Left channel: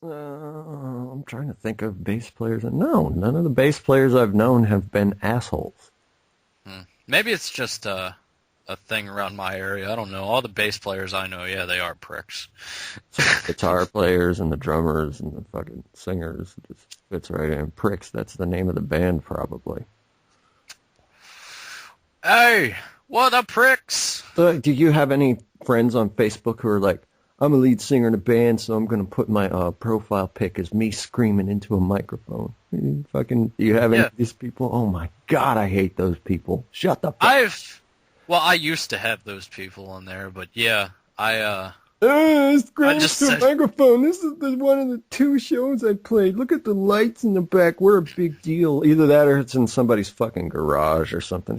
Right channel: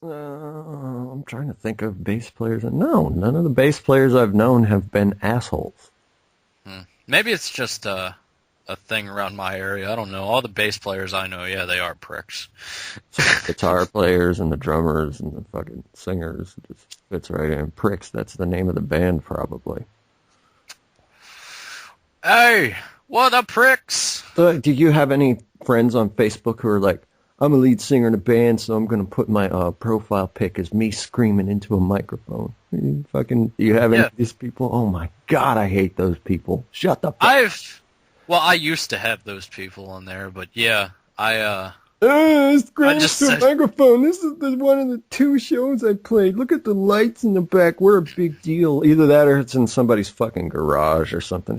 I'm trying to think of bass players. No, none of the bass players I've known have been assholes. Maybe it's just a thing around my area. I don't know. All the bass players I know, yeah, they are pricks. Guitar players and the drummers and the fucking singers. It just fits right in. Pricks, that's the name of the band, probably. Hey, what up, pricks? Do you have any friends on Facebook who are like, I'm a lead singer in a band, so I'm going to put my profile pic as me screaming into a microphone? Do you have any of these people? Oh my God, I hate those people. Shut the fuck. Well, I used to have those people on there, but yeah, Screaming I just into a said, microphone. This is one of the 2 shows I played. Look at the lights in the back. We're a big deal. Either that or it's in somebody's fucking garage or something.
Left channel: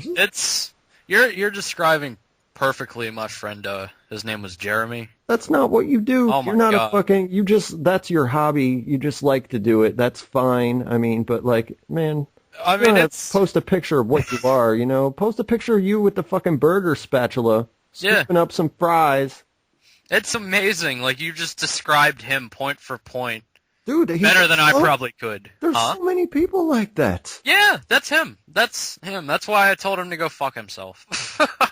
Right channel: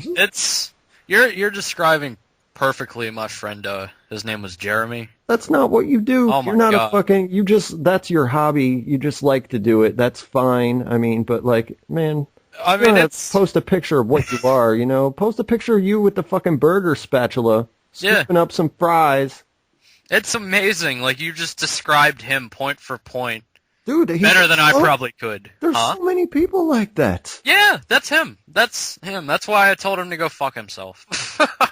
you're describing perfectly my friend, his name was Jeremy. That's not what you do. Oh my You're not God. that's your hobby. You just like to do it. That's fine. I mean, but like, man, I mean, post a picture of what you are, post a picture of you with the fucking burger spatula, scooping up some fries. it's amazing. Like, you just described him point for point. Dude, Better than I probably could. There's so many people like that. Yeah, that's him. That's him. That's why I told him to go fuck himself.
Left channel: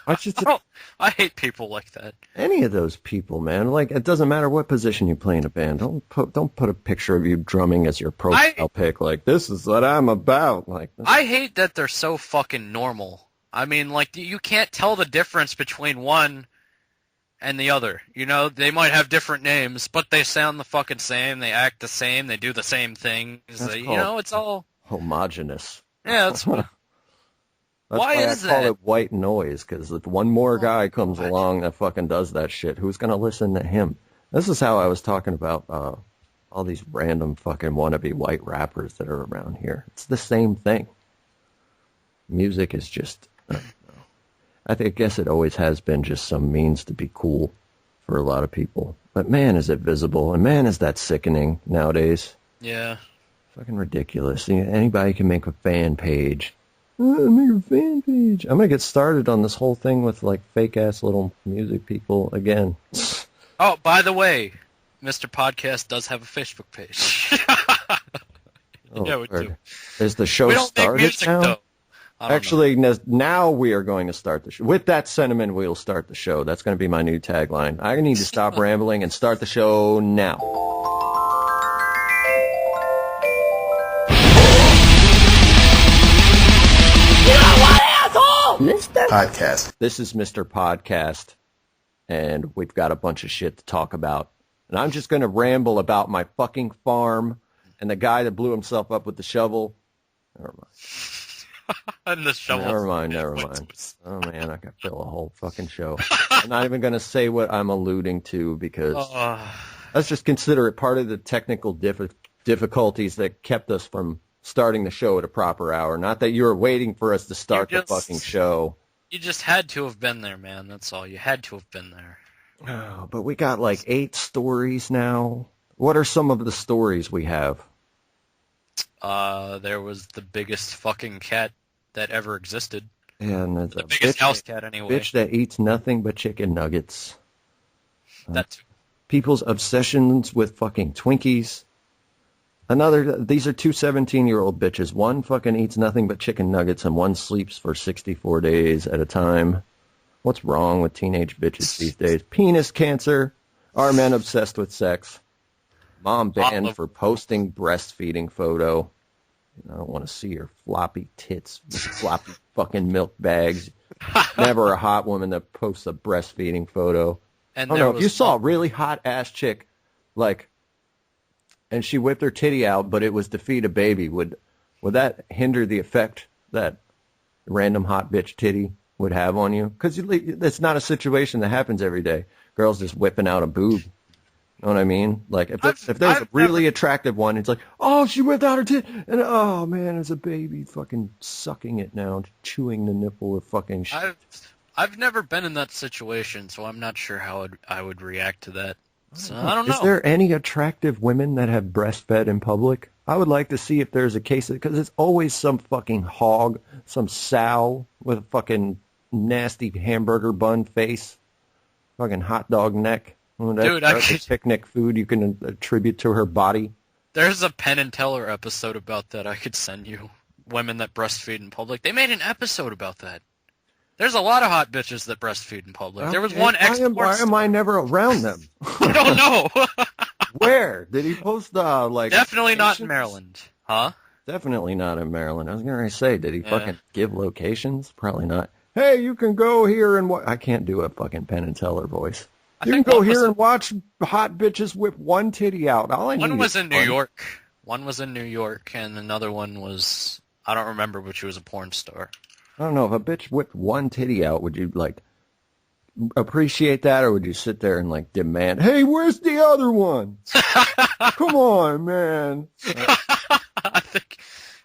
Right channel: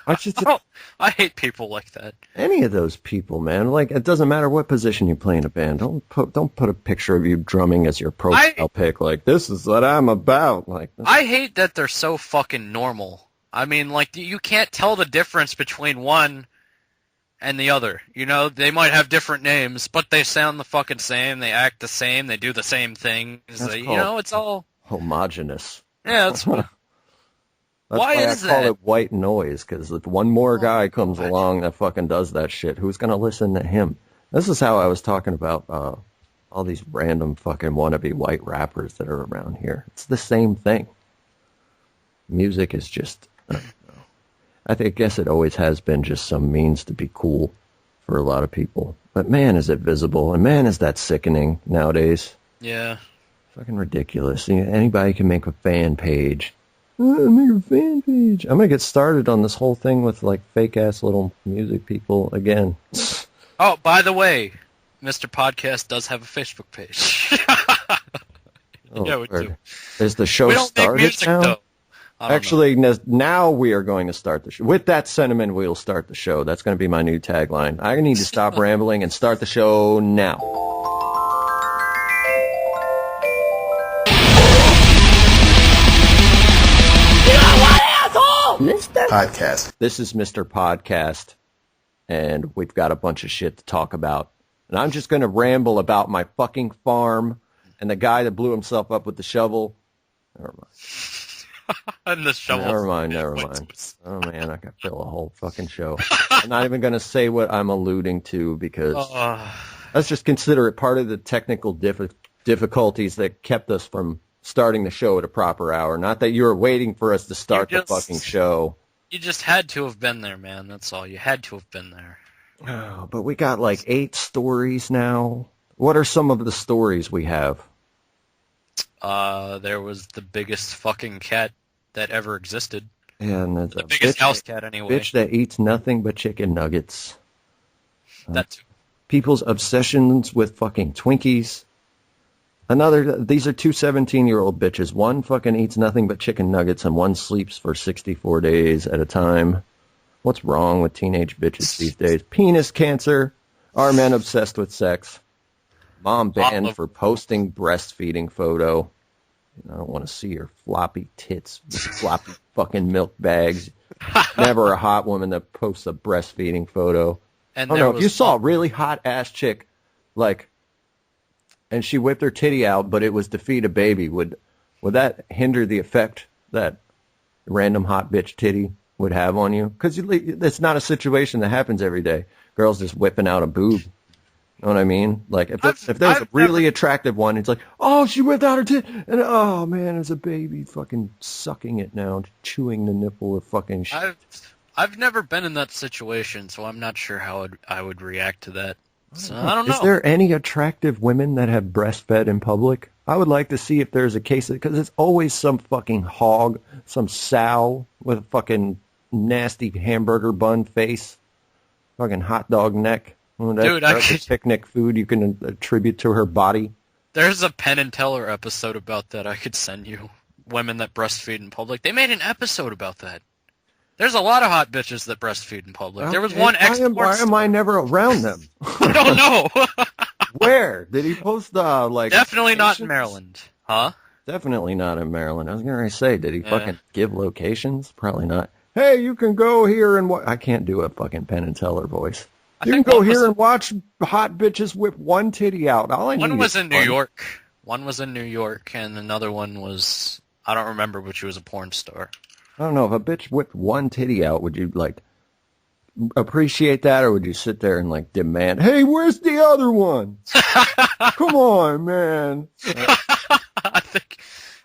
I hate people like that. Any of those people, man. Like, it doesn't matter what position you play in a band. Don't put a picture of you drumming as your profile pic. Like, this is what I'm about. Like, I hate that they're so fucking normal. I mean, like, you can't tell the difference between one and the other. They might have different names, but they sound the fucking same. They act the same. They do the same things. It's all homogenous. Yeah, that's why I call it white noise, because if one more guy comes along that fucking does that shit, who's going to listen to him? This is how I was talking about all these random fucking wannabe white rappers that are around here. It's the same thing. Music is just... I guess it always has been just some means to be cool for a lot of people. But man, is it visible, and man, is that sickening nowadays. Yeah. Fucking ridiculous. Anybody can make a fan page. Make a fan page. I'm going to get started on this whole thing with, like, fake-ass little music people again. Oh, by the way, Mr. Podcast does have a Facebook page. Yeah, we do. Is the show started make music, now? though. Actually, now we are going to start the show. With that sentiment, we'll start the show. That's going to be my new tagline. I need to stop rambling and start the show now. You know what, asshole? Mr. Podcast. This is Mr. Podcast, and we've got a bunch of shit to talk about. And I'm just going to ramble about my fucking farm and the guy that blew himself up with the shovel. Never mind. And the shovel. Never mind. Oh, man, I could fill a whole fucking show. I'm not even going to say what I'm alluding to, because let's just consider it part of the technical difficulties that kept us from starting the show at a proper hour. Not that you were waiting for us to start the fucking show. You just had to have been there, man. That's all. You had to have been there. Oh, but we got like 8 stories now. What are some of the stories we have? There was the biggest fucking cat that ever existed. Yeah, and the biggest house cat, anyway. Bitch that eats nothing but chicken nuggets. That's people's obsessions with fucking Twinkies. These are 2 17-year-old bitches. One fucking eats nothing but chicken nuggets, and one sleeps for 64 days at a time. What's wrong with teenage bitches these days? Penis cancer. Are men obsessed with sex? Mom banned for posting breastfeeding photo. I don't want to see her floppy tits with floppy fucking milk bags. Never a hot woman that posts a breastfeeding photo. And if you saw a really hot ass chick, like, and she whipped her titty out, but it was to feed a baby, would that hinder the effect that random hot bitch titty would have on you? Because it's not a situation that happens every day. Girls just whipping out a boob. You know what I mean? Like, if there's a really attractive one, it's like, oh, she whipped out her titty, and oh man, it's a baby fucking sucking it now, chewing the nipple of fucking shit. I've never been in that situation, so I'm not sure how I would react to that. So, I don't know. Is there any attractive women that have breastfed in public? I would like to see if there's a case, because it's always some fucking hog, some sow with a fucking nasty hamburger bun face, fucking hot dog neck. Well, Dude, that's a picnic food you can attribute to her body. There's a Penn and Teller episode about that I could send you. Women that breastfeed in public. They made an episode about that. There's a lot of hot bitches that breastfeed in public. There was one Why am I never around them? I don't know. Where? Did he post Definitely not in Maryland. Huh? Definitely not in Maryland. I was going to say, did he fucking give locations? Probably not. Hey, you can go here and I can't do a fucking Penn and Teller voice. You can go here and watch hot bitches whip one titty out. One was in New York. One was in New York, and another one was, I don't remember, but she was a porn star. I don't know, if a bitch whipped one titty out, would you, appreciate that, or would you sit there and, demand, hey, where's the other one? Come on, man. I think,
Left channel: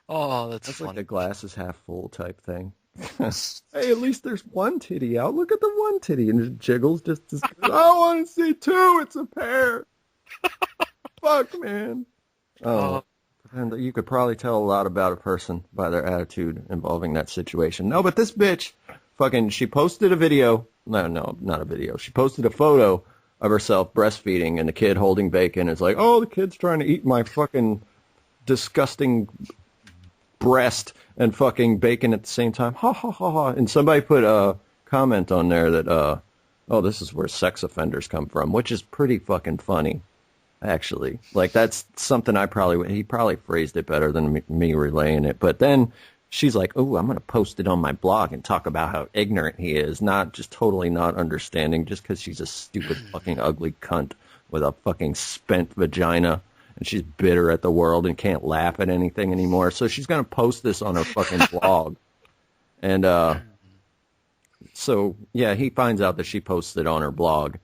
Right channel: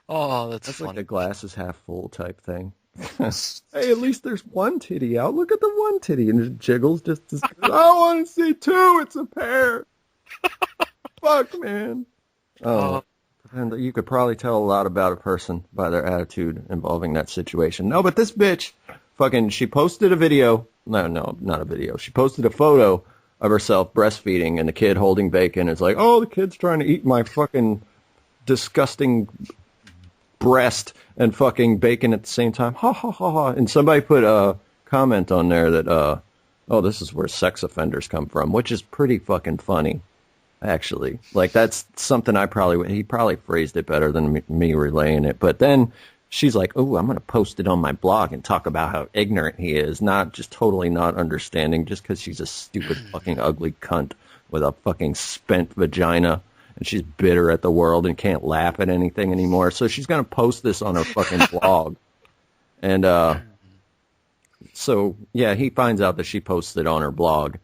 that's funny. Like a glass is half full type thing. Hey, at least there's one titty out. Look at the one titty, and it jiggles just as I want to see two. It's a pair. Fuck, man. Oh, and you could probably tell a lot about a person by their attitude involving that situation. No, but this bitch, she posted a video. No, not a video. She posted a photo of herself breastfeeding and the kid holding bacon. It's like, oh, the kid's trying to eat my fucking disgusting breast and fucking bacon at the same time. Ha, ha, ha, ha. And somebody put a comment on there that, this is where sex offenders come from, which is pretty fucking funny. Actually, that's something he probably phrased it better than me relaying it. But then she's like, oh, I'm going to post it on my blog and talk about how ignorant he is, not just totally not understanding just because she's a stupid fucking ugly cunt with a fucking spent vagina and she's bitter at the world and can't laugh at anything anymore. So she's going to post this on her fucking blog. And so, yeah, he finds out that she posted it on her blog,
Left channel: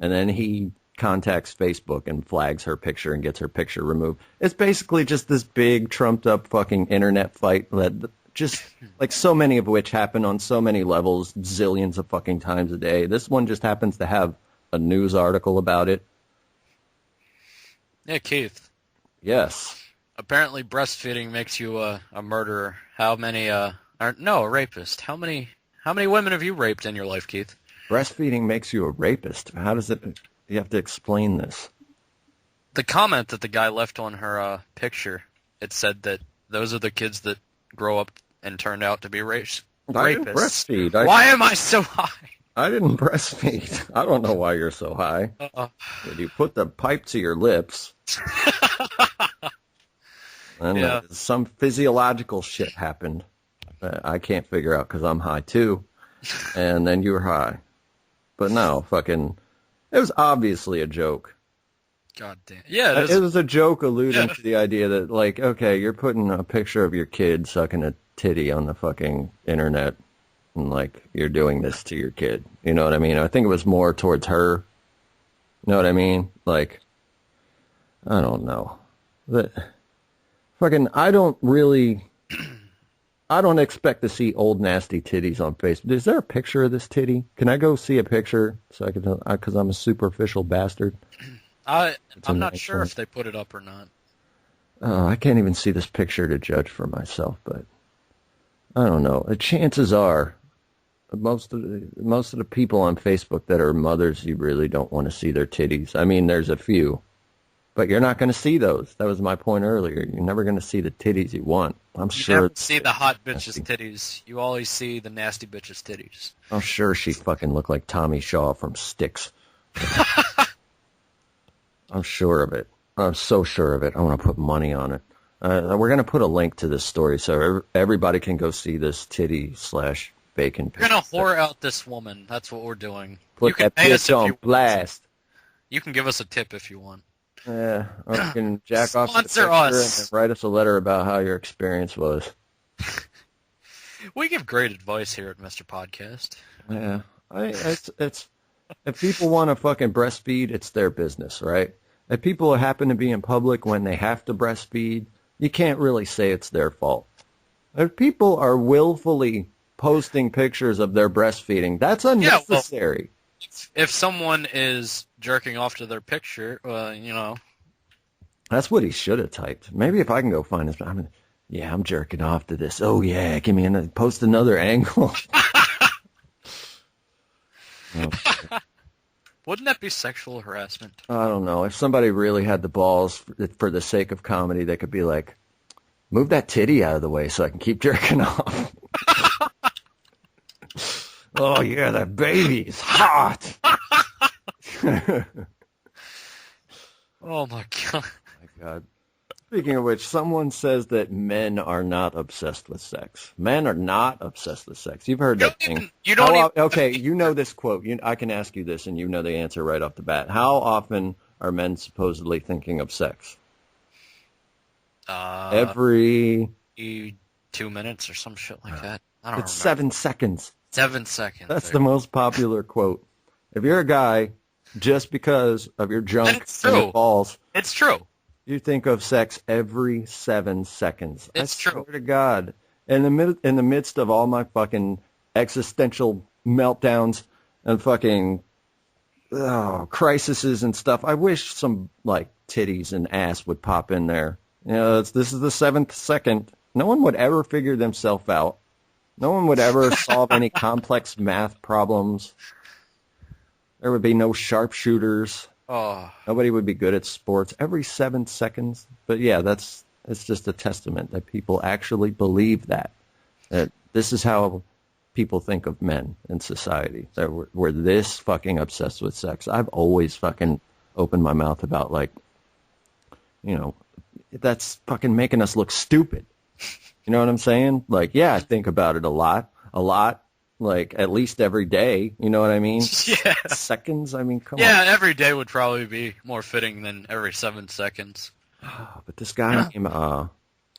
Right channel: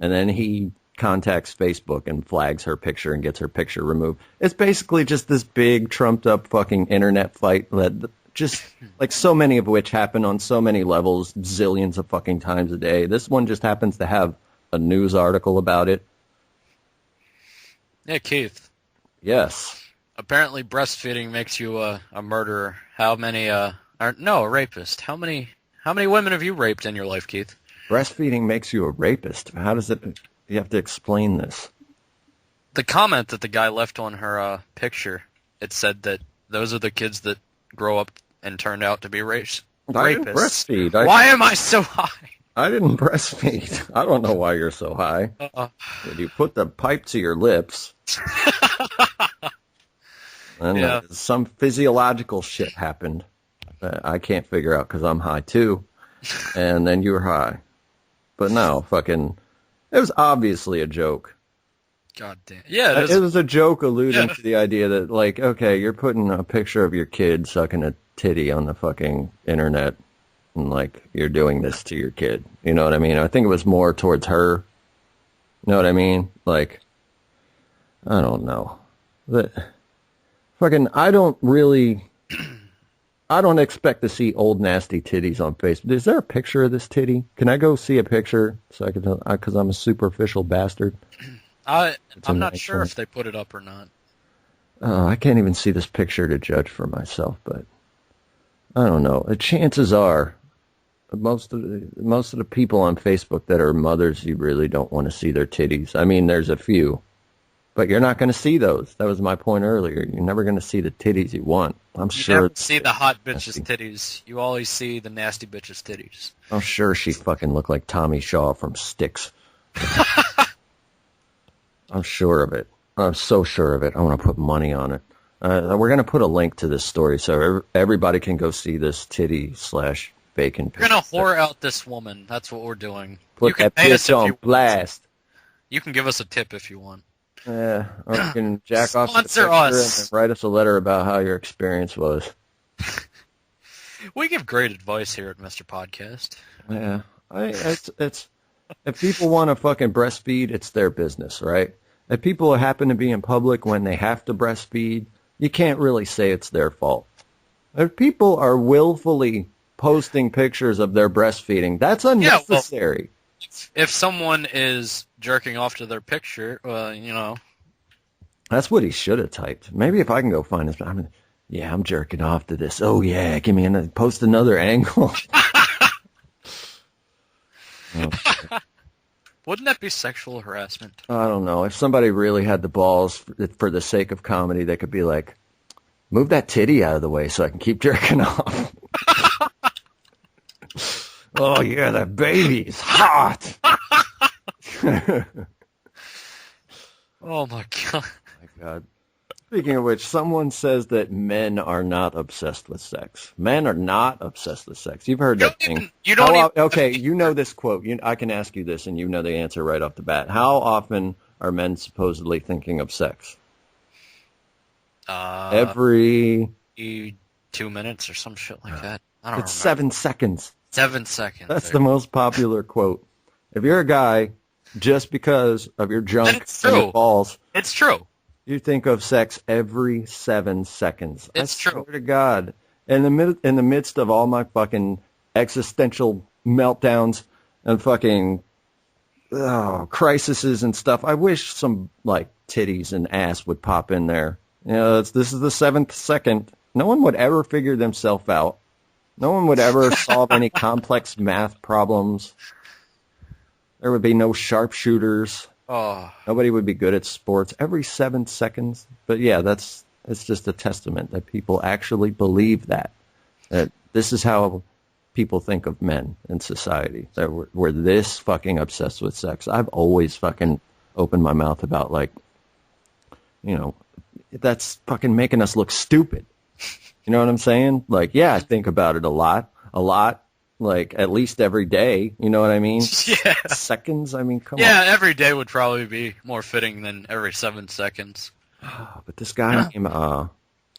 and then he contacts Facebook and flags her picture and gets her picture removed. It's basically just this big trumped up fucking internet fight that just so many of which happen on so many levels, zillions of fucking times a day. This one just happens to have a news article about it. Yeah, Keith. Yes. Apparently breastfeeding makes you a murderer. How many a rapist. How many women have you raped in your life, Keith? Breastfeeding makes you a rapist. How does it? You have to explain this. The comment that the guy left on her picture, it said that those are the kids that grow up and turn out to be rapists. I didn't breastfeed. Why am I so high? I didn't breastfeed. I don't know why you're so high. Did you put the pipe to your lips? And some physiological shit happened that I can't figure out because I'm high too. And then you were high. But no, it was obviously a joke. God damn. Yeah, it was a joke alluding to the idea that, okay, you're putting a picture of your kid sucking a titty on the fucking internet, and, you're doing this to your kid. You know what I mean? I think it was more towards her. You know what I mean? I don't know. I don't expect to see old nasty titties on Facebook. Is there a picture of this titty? Can I go see a picture so I can tell? Because I'm a superficial bastard. I'm not sure if they put it up or not. Oh, I can't even see this picture to judge for myself, but I don't know. The chances are, most of the people on Facebook that are mothers, you really don't want to see their titties. I mean, there's a few, but you're not going to see those. That was my point earlier. You're never going to see the titties you want. I'm sure. You never see the hot bitches' titties. You always see the nasty bitches' titties. I'm sure she fucking looked like Tommy Shaw from Styx. I'm sure of it. I'm so sure of it. I want to put money on it. We're going to put a link to this story so everybody can go see this titty/bacon. We're going to whore out this woman. That's what we're doing. Put that bitch on blast. You can give us a tip if you want. Yeah, or you can jack off to the Sponsor picture us. and write us a letter about how your experience was. We give great advice here at Mr. Podcast. Yeah, it's if people want to fucking breastfeed, it's their business, right? If people happen to be in public when they have to breastfeed, you can't really say it's their fault. If people are willfully posting pictures of their breastfeeding, that's unnecessary. Yeah, if someone is jerking off to their picture, That's what he should have typed. Maybe if I can go find this. I'm jerking off to this. Oh, yeah, give me post another angle. Wouldn't that be sexual harassment? I don't know. If somebody really had the balls for the sake of comedy, they could be like, move that titty out of the way so I can keep jerking off. Oh, yeah, that baby's hot. Oh, my God. My God. Speaking of which, someone says that men are not obsessed with sex. Men are not obsessed with sex. You've heard that thing. Okay, you know this quote. I can ask you this, and you know the answer right off the bat. How often are men supposedly thinking of sex? Every 2 minutes or some shit like that. I don't It's remember. 7 seconds. 7 seconds. That's the most popular quote. If you're a guy, just because of your junk That's and true. your balls, It's true. you think of sex every 7 seconds. It's I true. swear to God. In the midst of all my fucking existential meltdowns and fucking crises and stuff, I wish some like titties and ass would pop in there. You know, this is the 7th second. No one would ever figure themselves out. No one would ever solve any complex math problems. There would be no sharpshooters. Oh, Nobody would be good at sports every 7 seconds. But yeah, it's just a testament that people actually believe that this is how people think of men in society. That we're this fucking obsessed with sex. I've always fucking opened my mouth about like, you know, that's fucking making us look stupid. You know what I'm saying? Like, yeah, I think about it a lot, like at least every day. You know what I mean? yeah. Seconds? I mean, come on. Yeah, every day would probably be more fitting than every 7 seconds. But this guy named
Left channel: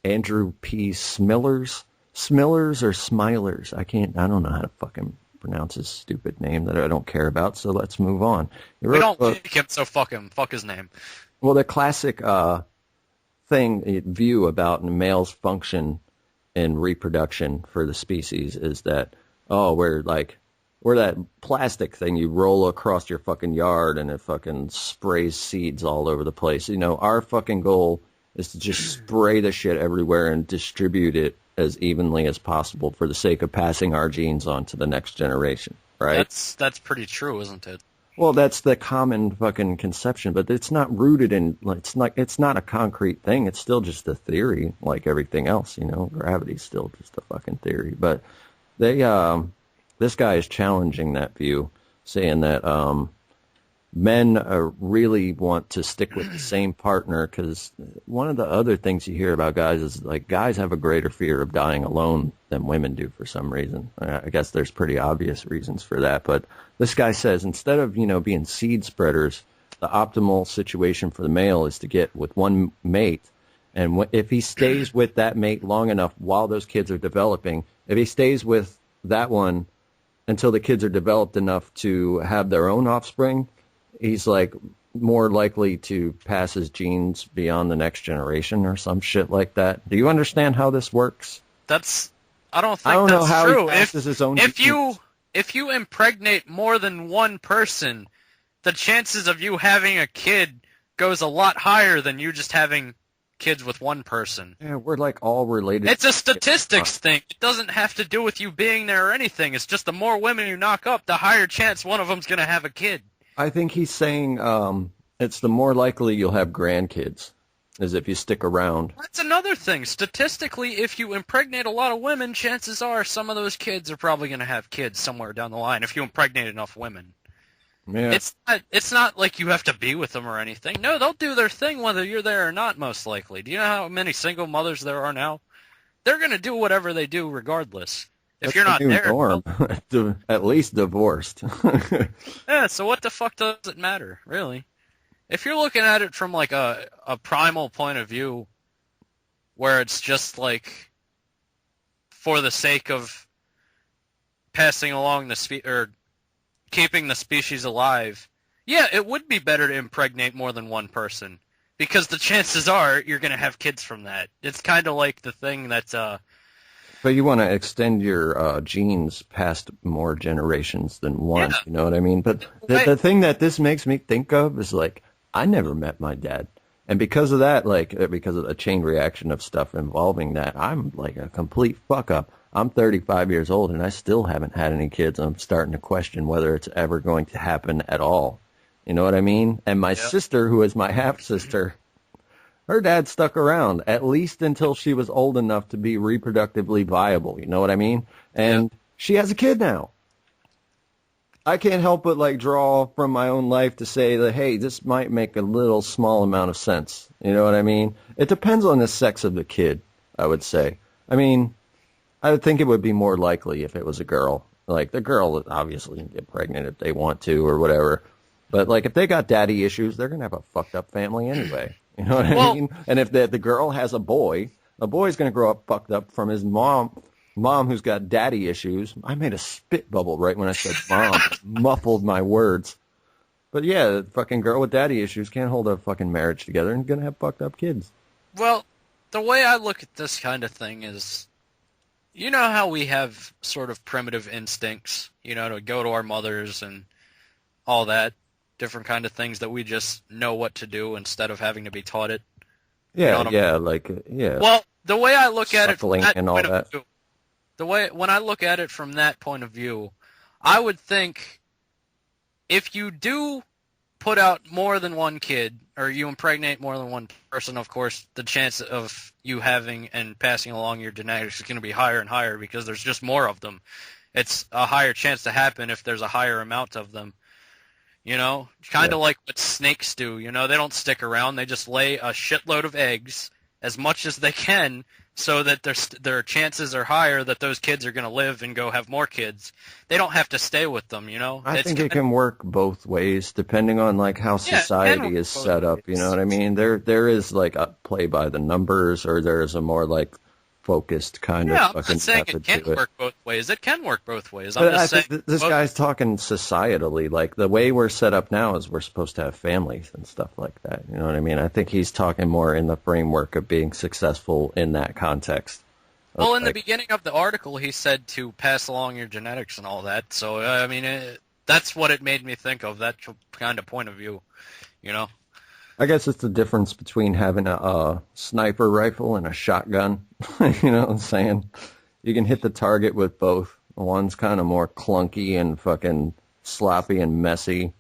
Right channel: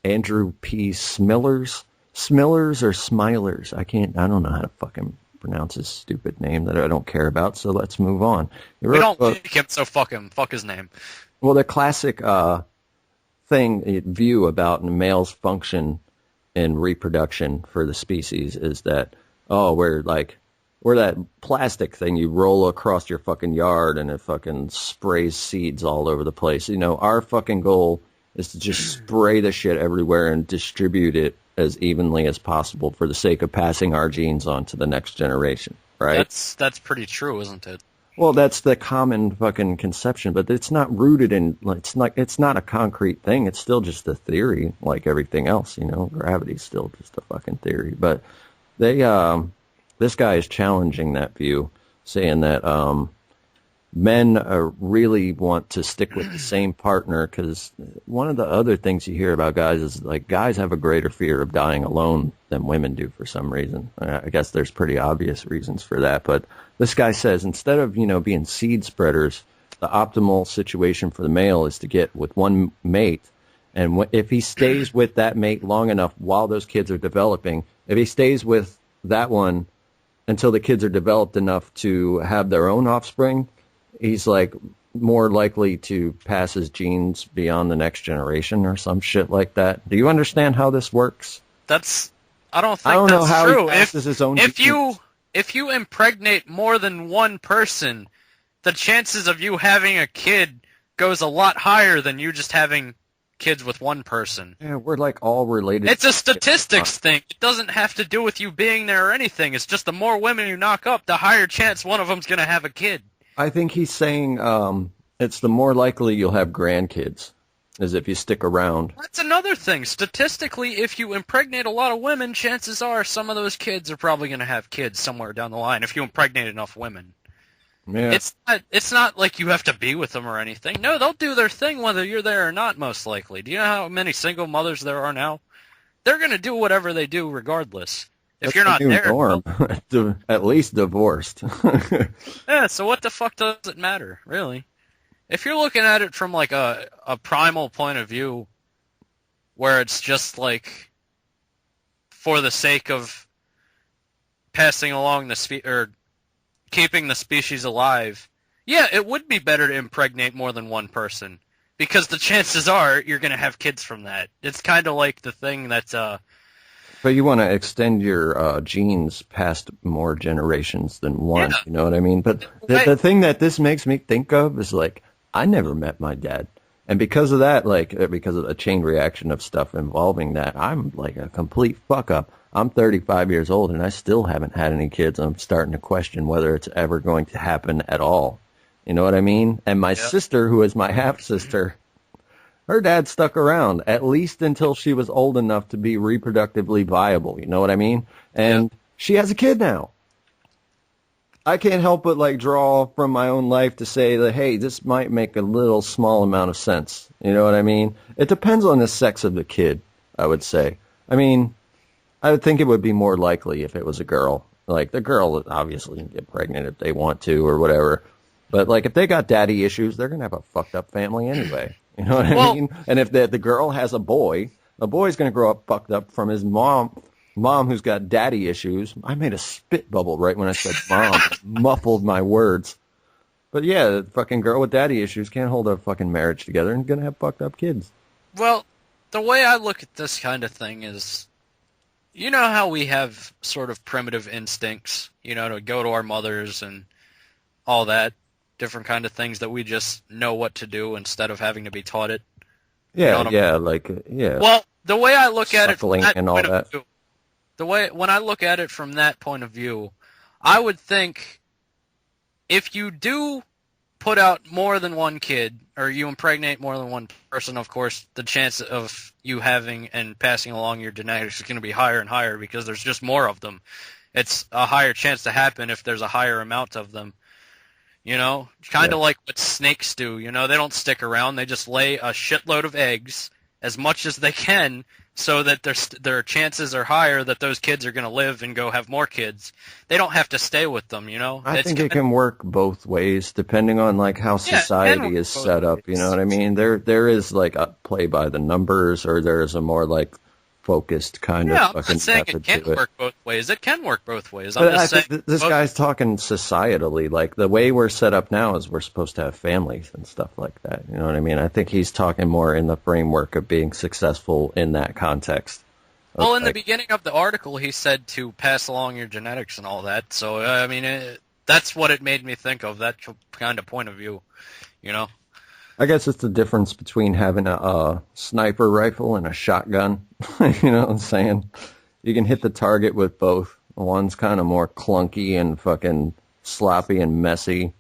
Andrew P. Smillers or Smilers, I don't know how to fucking pronounce his stupid name that I don't care about, so let's move on. We don't like him, so fuck his name. Well, the classic view about males' function in reproduction for the species is that, we're that plastic thing you roll across your fucking yard and it fucking sprays seeds all over the place. You know, our fucking goal is to just spray the shit everywhere and distribute it as evenly as possible for the sake of passing our genes on to the next generation, right? That's pretty true, isn't it? Well, that's the common fucking conception, but it's not rooted in, it's not a concrete thing. It's still just a theory, like everything else, you know. Gravity's still just a fucking theory. But this guy is challenging that view, saying that men really want to stick with the same partner, because one of the other things you hear about guys is like guys have a greater fear of dying alone than women do for some reason. I guess there's pretty obvious reasons for that, but this guy says instead of, you know, being seed spreaders, the optimal situation for the male is to get with one mate, and if he stays with that mate long enough while those kids are developing, if he stays with that one until the kids are developed enough to have their own offspring, he's like more likely to pass his genes beyond the next generation or some shit like that. Do you understand how this works? I don't think that's how true. he passes his own genes. If you impregnate more than one person, the chances of you having a kid goes a lot higher than you just having kids with one person. Yeah, we're like all related. It's a statistics thing. It doesn't have to do with you being there or anything. It's just the more women you knock up, the higher chance one of them's going to have a kid. I think he's saying it's the more likely you'll have grandkids, as if you stick around. That's another thing. Statistically, if you impregnate a lot of women, chances are some of those kids are probably going to have kids somewhere down the line if you impregnate enough women. Yeah. It's not like you have to be with them or anything. No, they'll do their thing whether you're there or not, most likely. Do you know how many single mothers there are now? They're going to do whatever they do regardless. If you're not there, norm. At least divorced. Yeah, so what the fuck does it matter, really? If you're looking at it from like a primal point of view, where it's just like for the sake of passing along or keeping the species alive, yeah, it would be better to impregnate more than one person, because the chances are you're going to have kids from that. It's kind of like the thing that's But you want to extend your genes past more generations than one, Yeah. you know what I mean? But the thing that this makes me think of is, like, I never met my dad. And because of that, because of a chain reaction of stuff involving that, I'm like a complete fuck-up. I'm 35 years old, and I still haven't had any kids. I'm starting to question whether it's ever going to happen at all. You know what I mean? And my Yeah. sister, who is my half-sister, her dad stuck around at least until she was old enough to be reproductively viable. You know what I mean? And she has a kid now. I can't help but like draw from my own life to say that, hey, this might make a little small amount of sense. You know what I mean? It depends on the sex of the kid, I would say. I mean, I would think it would be more likely if it was a girl. Like, the girl obviously can get pregnant if they want to or whatever. But, like, if they got daddy issues, they're going to have a fucked up family anyway. You know what I mean? And if the girl has a boy's going to grow up fucked up from his mom who's got daddy issues. I made a spit bubble right when I said mom. Muffled my words. But yeah, the fucking girl with daddy issues can't hold a fucking marriage together and gonna have fucked up kids. Well, the way I look at this kind of thing is, you know how we have sort of primitive instincts, you know, to go to our mothers and all that, different kind of things that we just know what to do instead of having to be taught it. Yeah, You know yeah. Well, the way I look at it from Suckling that and all point of that. view, when I look at it from that point of view, I would think if you do put out more than one kid, or you impregnate more than one person, of course, the chance of you having and passing along your genetics is going to be higher and higher because there's just more of them. It's a higher chance to happen if there's a higher amount of them. You know, kind of like what snakes do. You know, they don't stick around. They just lay a shitload of eggs as much as they can so that their chances are higher that those kids are going to live and go have more kids. They don't have to stay with them, you know? I think it can work both ways depending on like how society is set up, you know what I mean? There is like a play by the numbers, or there is a more like focused kind of fucking I'm not saying method it can't to it. work both ways. It can work both ways. But I think this guy's talking societally. Like, the way we're set up now is we're supposed to have families and stuff like that. You know what I mean? I think he's talking more in the framework of being successful in that context. Well, in the beginning of the article, he said to pass along your genetics and all that. So, I mean, that's what it made me think of, that kind of point of view, you know? I guess it's the difference between having a sniper rifle and a shotgun. You know what I'm saying? You can hit the target with both. One's kind of more clunky and fucking sloppy and messy.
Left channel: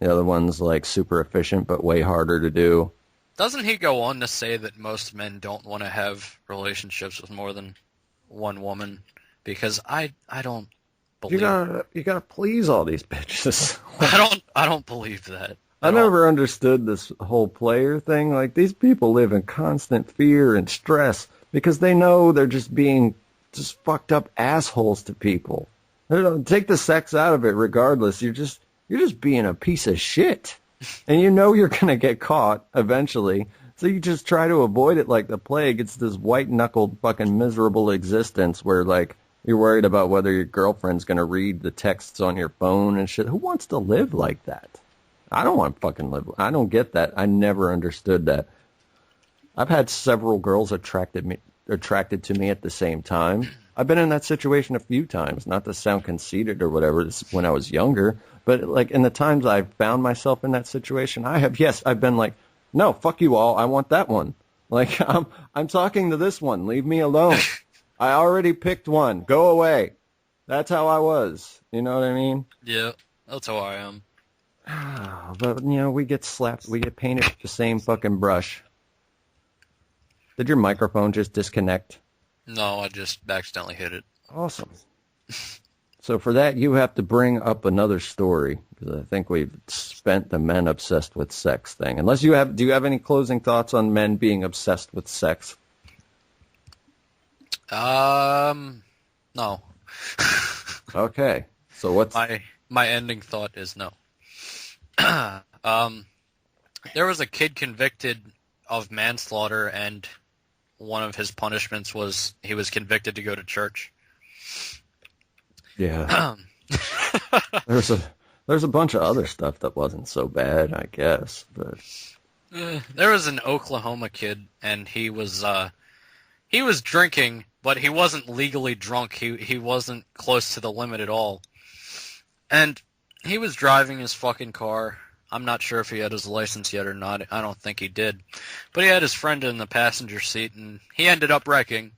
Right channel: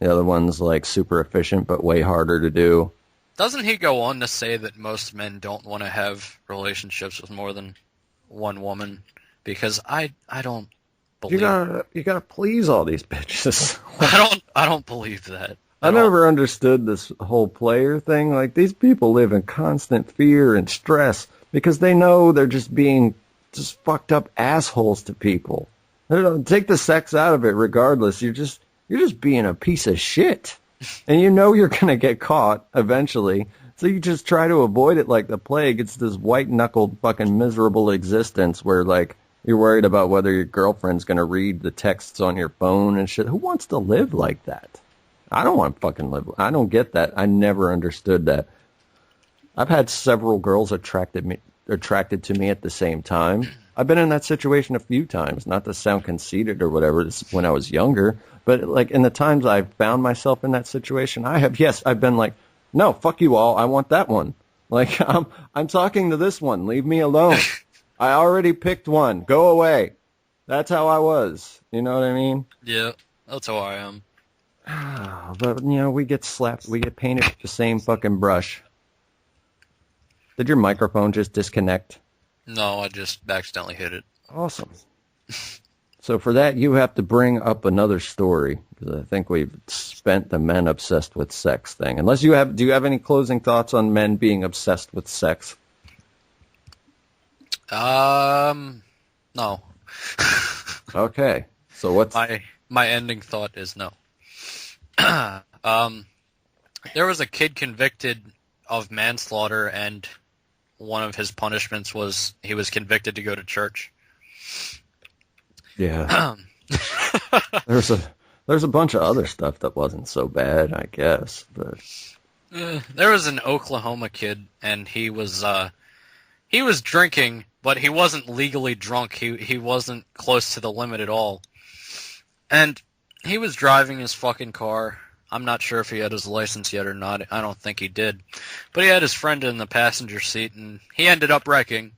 The other one's like super efficient but way harder to do. Doesn't he go on to say that most men don't want to have relationships with more than one woman? Because I don't believe You gotta please all these bitches. I don't believe that. I never understood this whole player thing. Like, these people live in constant fear and stress because they know they're just being just fucked up assholes to people. Take the sex out of it regardless. You're just being a piece of shit. And you know you're going to get caught eventually. So you just try to avoid it like the plague. It's this white-knuckled fucking miserable existence where, like, you're worried about whether your girlfriend's going to read the texts on your phone and shit. Who wants to live like that? I don't want to fucking live. I don't get that. I never understood that. I've had several girls attracted to me at the same time. I've been in that situation a few times, not to sound conceited or whatever. This is when I was younger, but like in the times I've found myself in that situation, I've been like, no, fuck you all. I want that one. Like, I'm talking to this one. Leave me alone. I already picked one. Go away. That's how I was. You know what I mean? Yeah, that's how I am. But, you know, we get slapped. We get painted with the same fucking brush. Did your microphone just disconnect? No, I just accidentally hit it. Awesome. So for that, you have to bring up another story, because I think we've spent the men obsessed with sex thing. Unless do you have any closing thoughts on men being obsessed with sex? No. Okay. So what's... My ending thought is no. There was a kid convicted of manslaughter, and one of his punishments was he was convicted to go to church. Yeah. There's a bunch of other stuff that wasn't so bad, I guess. But there was an Oklahoma kid, and he was drinking, but he wasn't legally drunk. He wasn't close to the limit at all. And he was driving his fucking car. I'm not sure if he had his license yet or not. I don't think he did. But he had his friend in the passenger seat, and he ended up wrecking.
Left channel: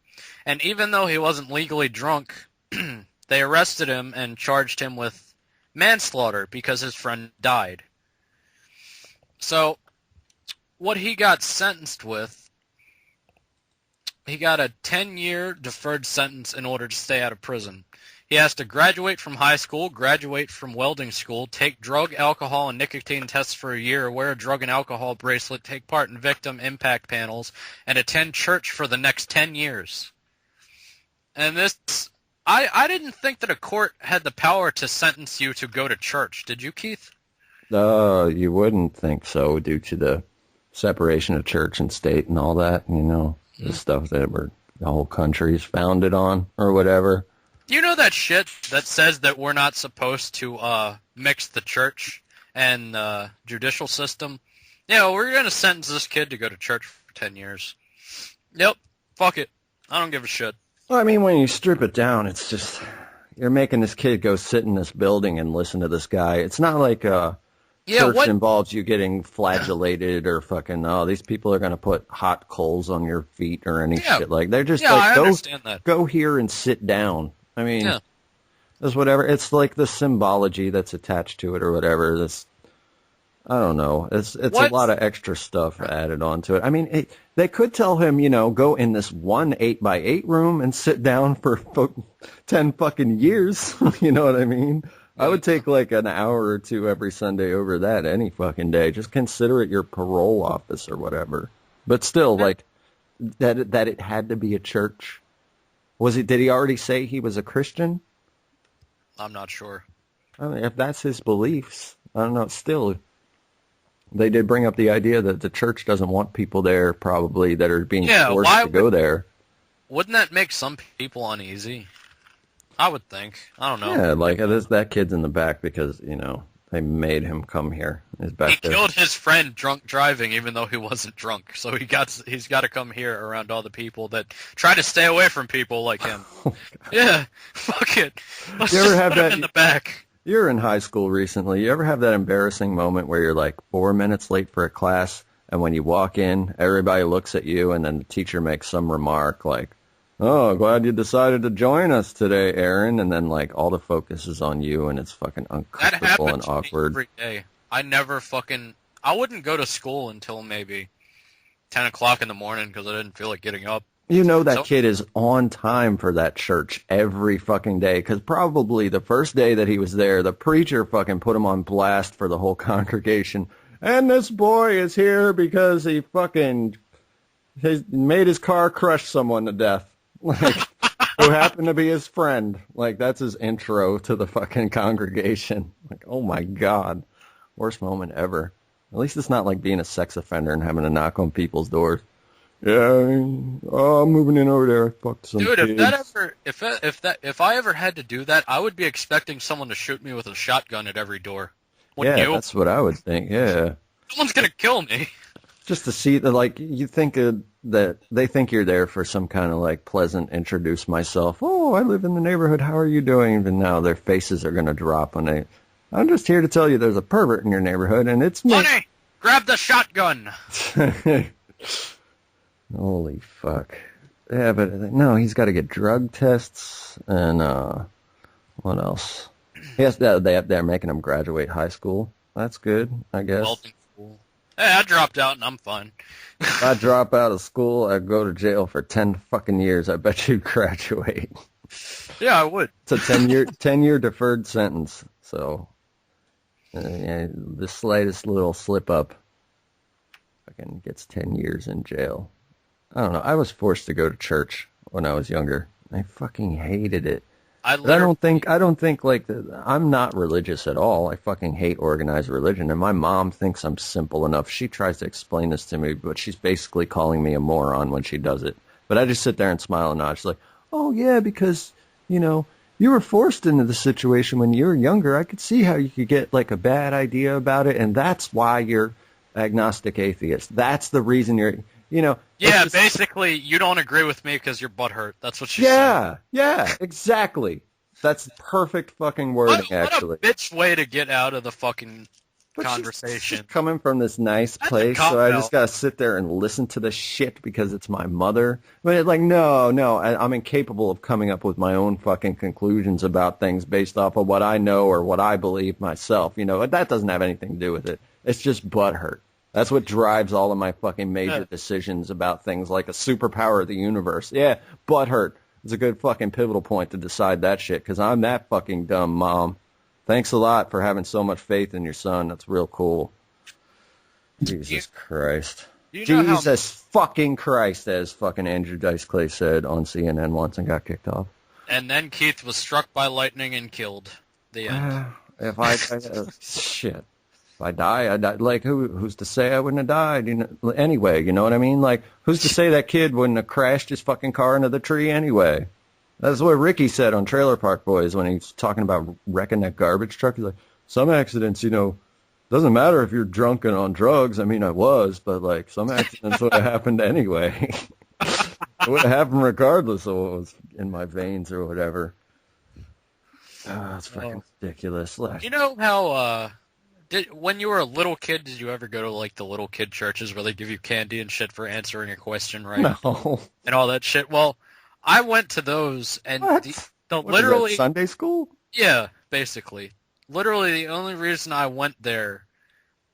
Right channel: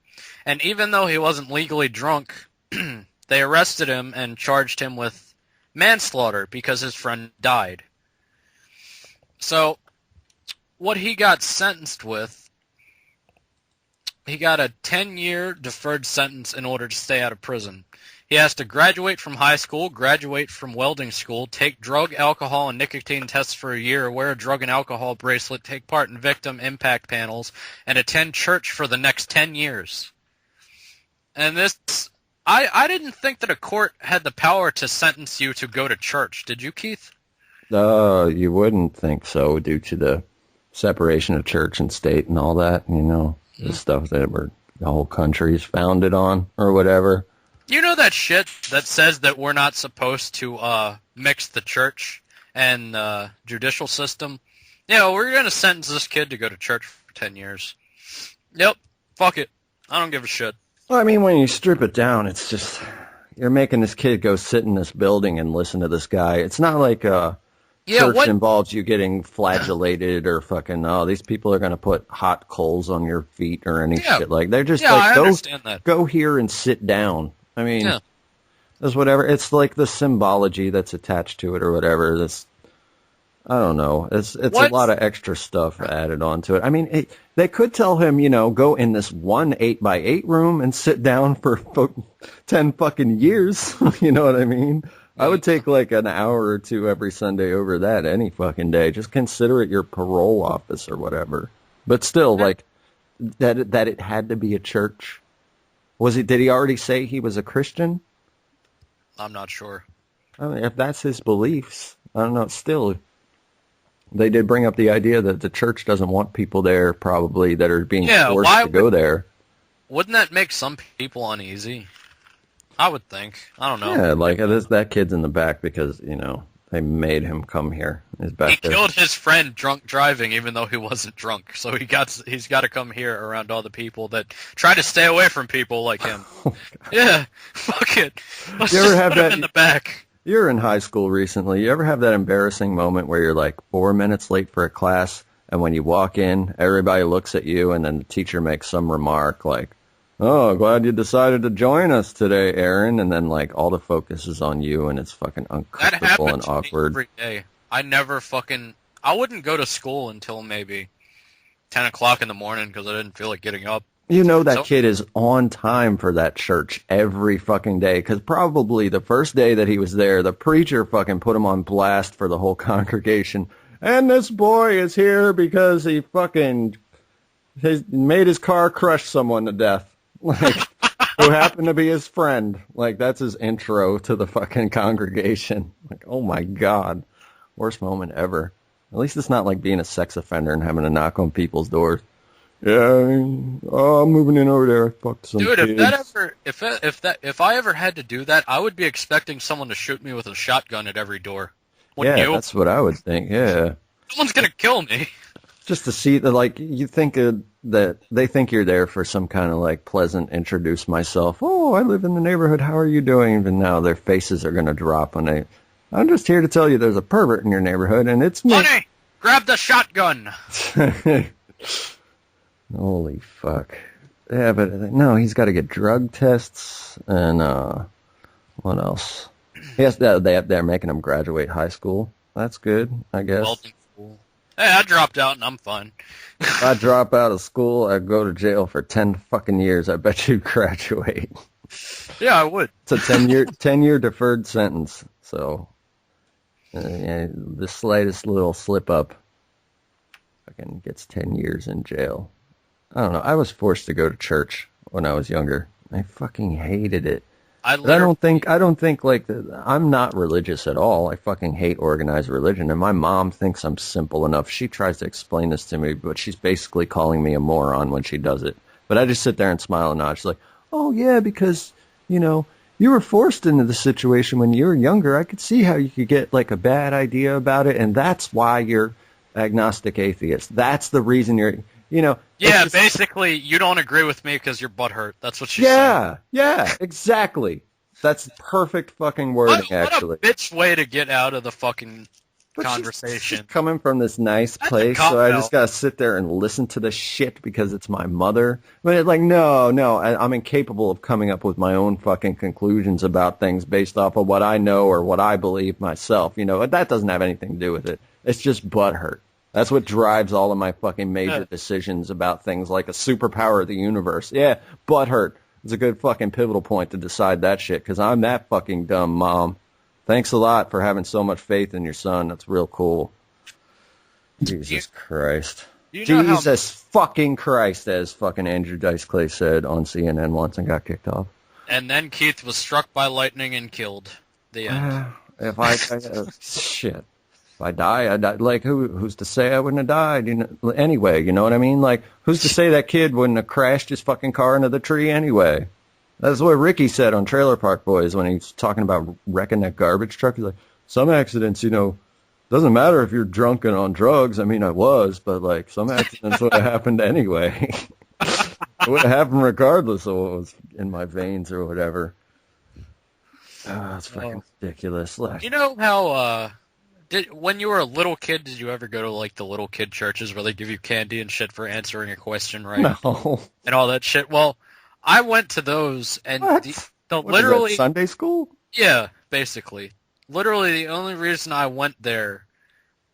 And even though he wasn't legally drunk, they arrested him and charged him with manslaughter because his friend died. So, what he got sentenced with, he got a 10-year deferred sentence in order to stay out of prison. He has to graduate from high school, graduate from welding school, take drug, alcohol, and nicotine tests for a year, wear a drug and alcohol bracelet, take part in victim impact panels, and attend church for the next 10 years. And this, I didn't think that a court had the power to sentence you to go to church. Did you, Keith? You wouldn't think so, due to the separation of church and state and all that, the stuff that the whole country's founded on, or whatever. You know that shit that says that we're not supposed to mix the church and judicial system? We're going to sentence this kid to go to church for 10 years. Yep, fuck it. I don't give a shit. Well, I mean, when you strip it down, it's just, you're making this kid go sit in this building and listen to this guy. It's not like church involves you getting flagellated or fucking, these people are going to put hot coals on your feet or any shit. Like, they're just go here and sit down. I mean, there's whatever. It's like the symbology that's attached to it or whatever. I don't know. It's a lot of extra stuff added onto it. I mean, they could tell him, go in this 1 8x8 room and sit down for 10 fucking years. You know what I mean? I would take like an hour or two every Sunday over that any fucking day. Just consider it your parole office or whatever. But still, like, that it had to be a church. Did he already say he was a Christian? I'm not sure. I mean, if that's his beliefs, I don't know. Still, they did bring up the idea that the church doesn't want people there, probably, that are being forced to go there. Wouldn't that make some people uneasy? I would think. I don't know. Yeah, like, that kid's in the back because, they made him come here. He killed his friend drunk driving, even though he wasn't drunk. So he's got to come here around all the people that try to stay away from people like him. Yeah, fuck it. Let's you ever have that in the back? You're in high school recently. You ever have that embarrassing moment where you're like 4 minutes late for a class, and when you walk in, everybody looks at you, and then the teacher makes some remark like, "Oh, glad you decided to join us today, Aaron," and then like all the focus is on you, and it's fucking uncomfortable and awkward. Every day. I wouldn't go to school until maybe 10 o'clock in the morning because I didn't feel like getting up. That kid is on time for that church every fucking day, because probably the first day that he was there, the preacher fucking put him on blast for the whole congregation. And this boy is here because he fucking made his car crush someone to death. Like, who happened to be his friend. Like, that's his intro to the fucking congregation. Like, oh my God. Worst moment ever. At least it's not like being a sex offender and having to knock on people's doors. Yeah, I'm moving in over there. Fuck some Dude, kids. if I ever had to do that, I would be expecting someone to shoot me with a shotgun at every door. That's what I would think, yeah. Someone's gonna kill me. Just to see that, like, you think that they think you're there for some kind of, like, pleasant introduce myself. Oh, I live in the neighborhood. How are you doing? Even now, their faces are going to drop when I'm just here to tell you there's a pervert in your neighborhood, and it's me. Honey, grab the shotgun. Holy fuck. Yeah, but no, he's got to get drug tests, and what else? Yes, they're making him graduate high school. That's good, I guess. Hey, I dropped out and I'm fine. If I drop out of school, I'd go to jail for 10 fucking years. I bet you'd graduate. Yeah, I would. It's a 10-year deferred sentence. So, the slightest little slip up fucking gets 10 years in jail. I don't know. I was forced to go to church when I was younger. I fucking hated it. I don't think like I'm not religious at all. I fucking hate organized religion, and my mom thinks I'm simple enough. She tries to explain this to me, but she's basically calling me a moron when she does it. But I just sit there and smile and nod. She's like, "Oh yeah, because you were forced into the situation when you were younger. I could see how you could get like a bad idea about it, and that's why you're agnostic atheist. That's the reason you're." Yeah, basically, you don't agree with me because you're butthurt. That's what she's saying. Yeah, exactly. That's perfect fucking wording, actually. What a bitch way to get out of the fucking conversation. She's coming from this nice place, so I just gotta sit there and listen to the shit because it's my mother. But it's like, no, I'm incapable of coming up with my own fucking conclusions about things based off of what I know or what I believe myself. That doesn't have anything to do with it. It's just butthurt. That's what drives all of my fucking major decisions about things like a superpower of the universe. Yeah, butthurt. It's a good fucking pivotal point to decide that shit, because I'm that fucking dumb, Mom. Thanks a lot for having so much faith in your son. That's real cool. Jesus Christ. Jesus fucking Christ, as fucking Andrew Dice Clay said on CNN once and got kicked off. And then Keith was struck by lightning and killed. The end. Shit. If I die, I die. Like, who's to say I wouldn't have died? You know, anyway, you know what I mean? Like, who's to say that kid wouldn't have crashed his fucking car into the tree anyway? That's what Ricky said on Trailer Park Boys when he was talking about wrecking that garbage truck. He's like, some accidents, you know, doesn't matter if you're drunk and on drugs. I mean, I was, but, like, some accidents would have happened anyway. It would have happened regardless of what was in my veins or whatever. Oh, that's fucking ridiculous. You know how, when you were a little kid, did you ever go to, like, the little kid churches where they give you candy and shit for answering a question right? No. And all that shit? Well, I went to those, and literally... Sunday school? Yeah, basically. Literally, the only reason I went there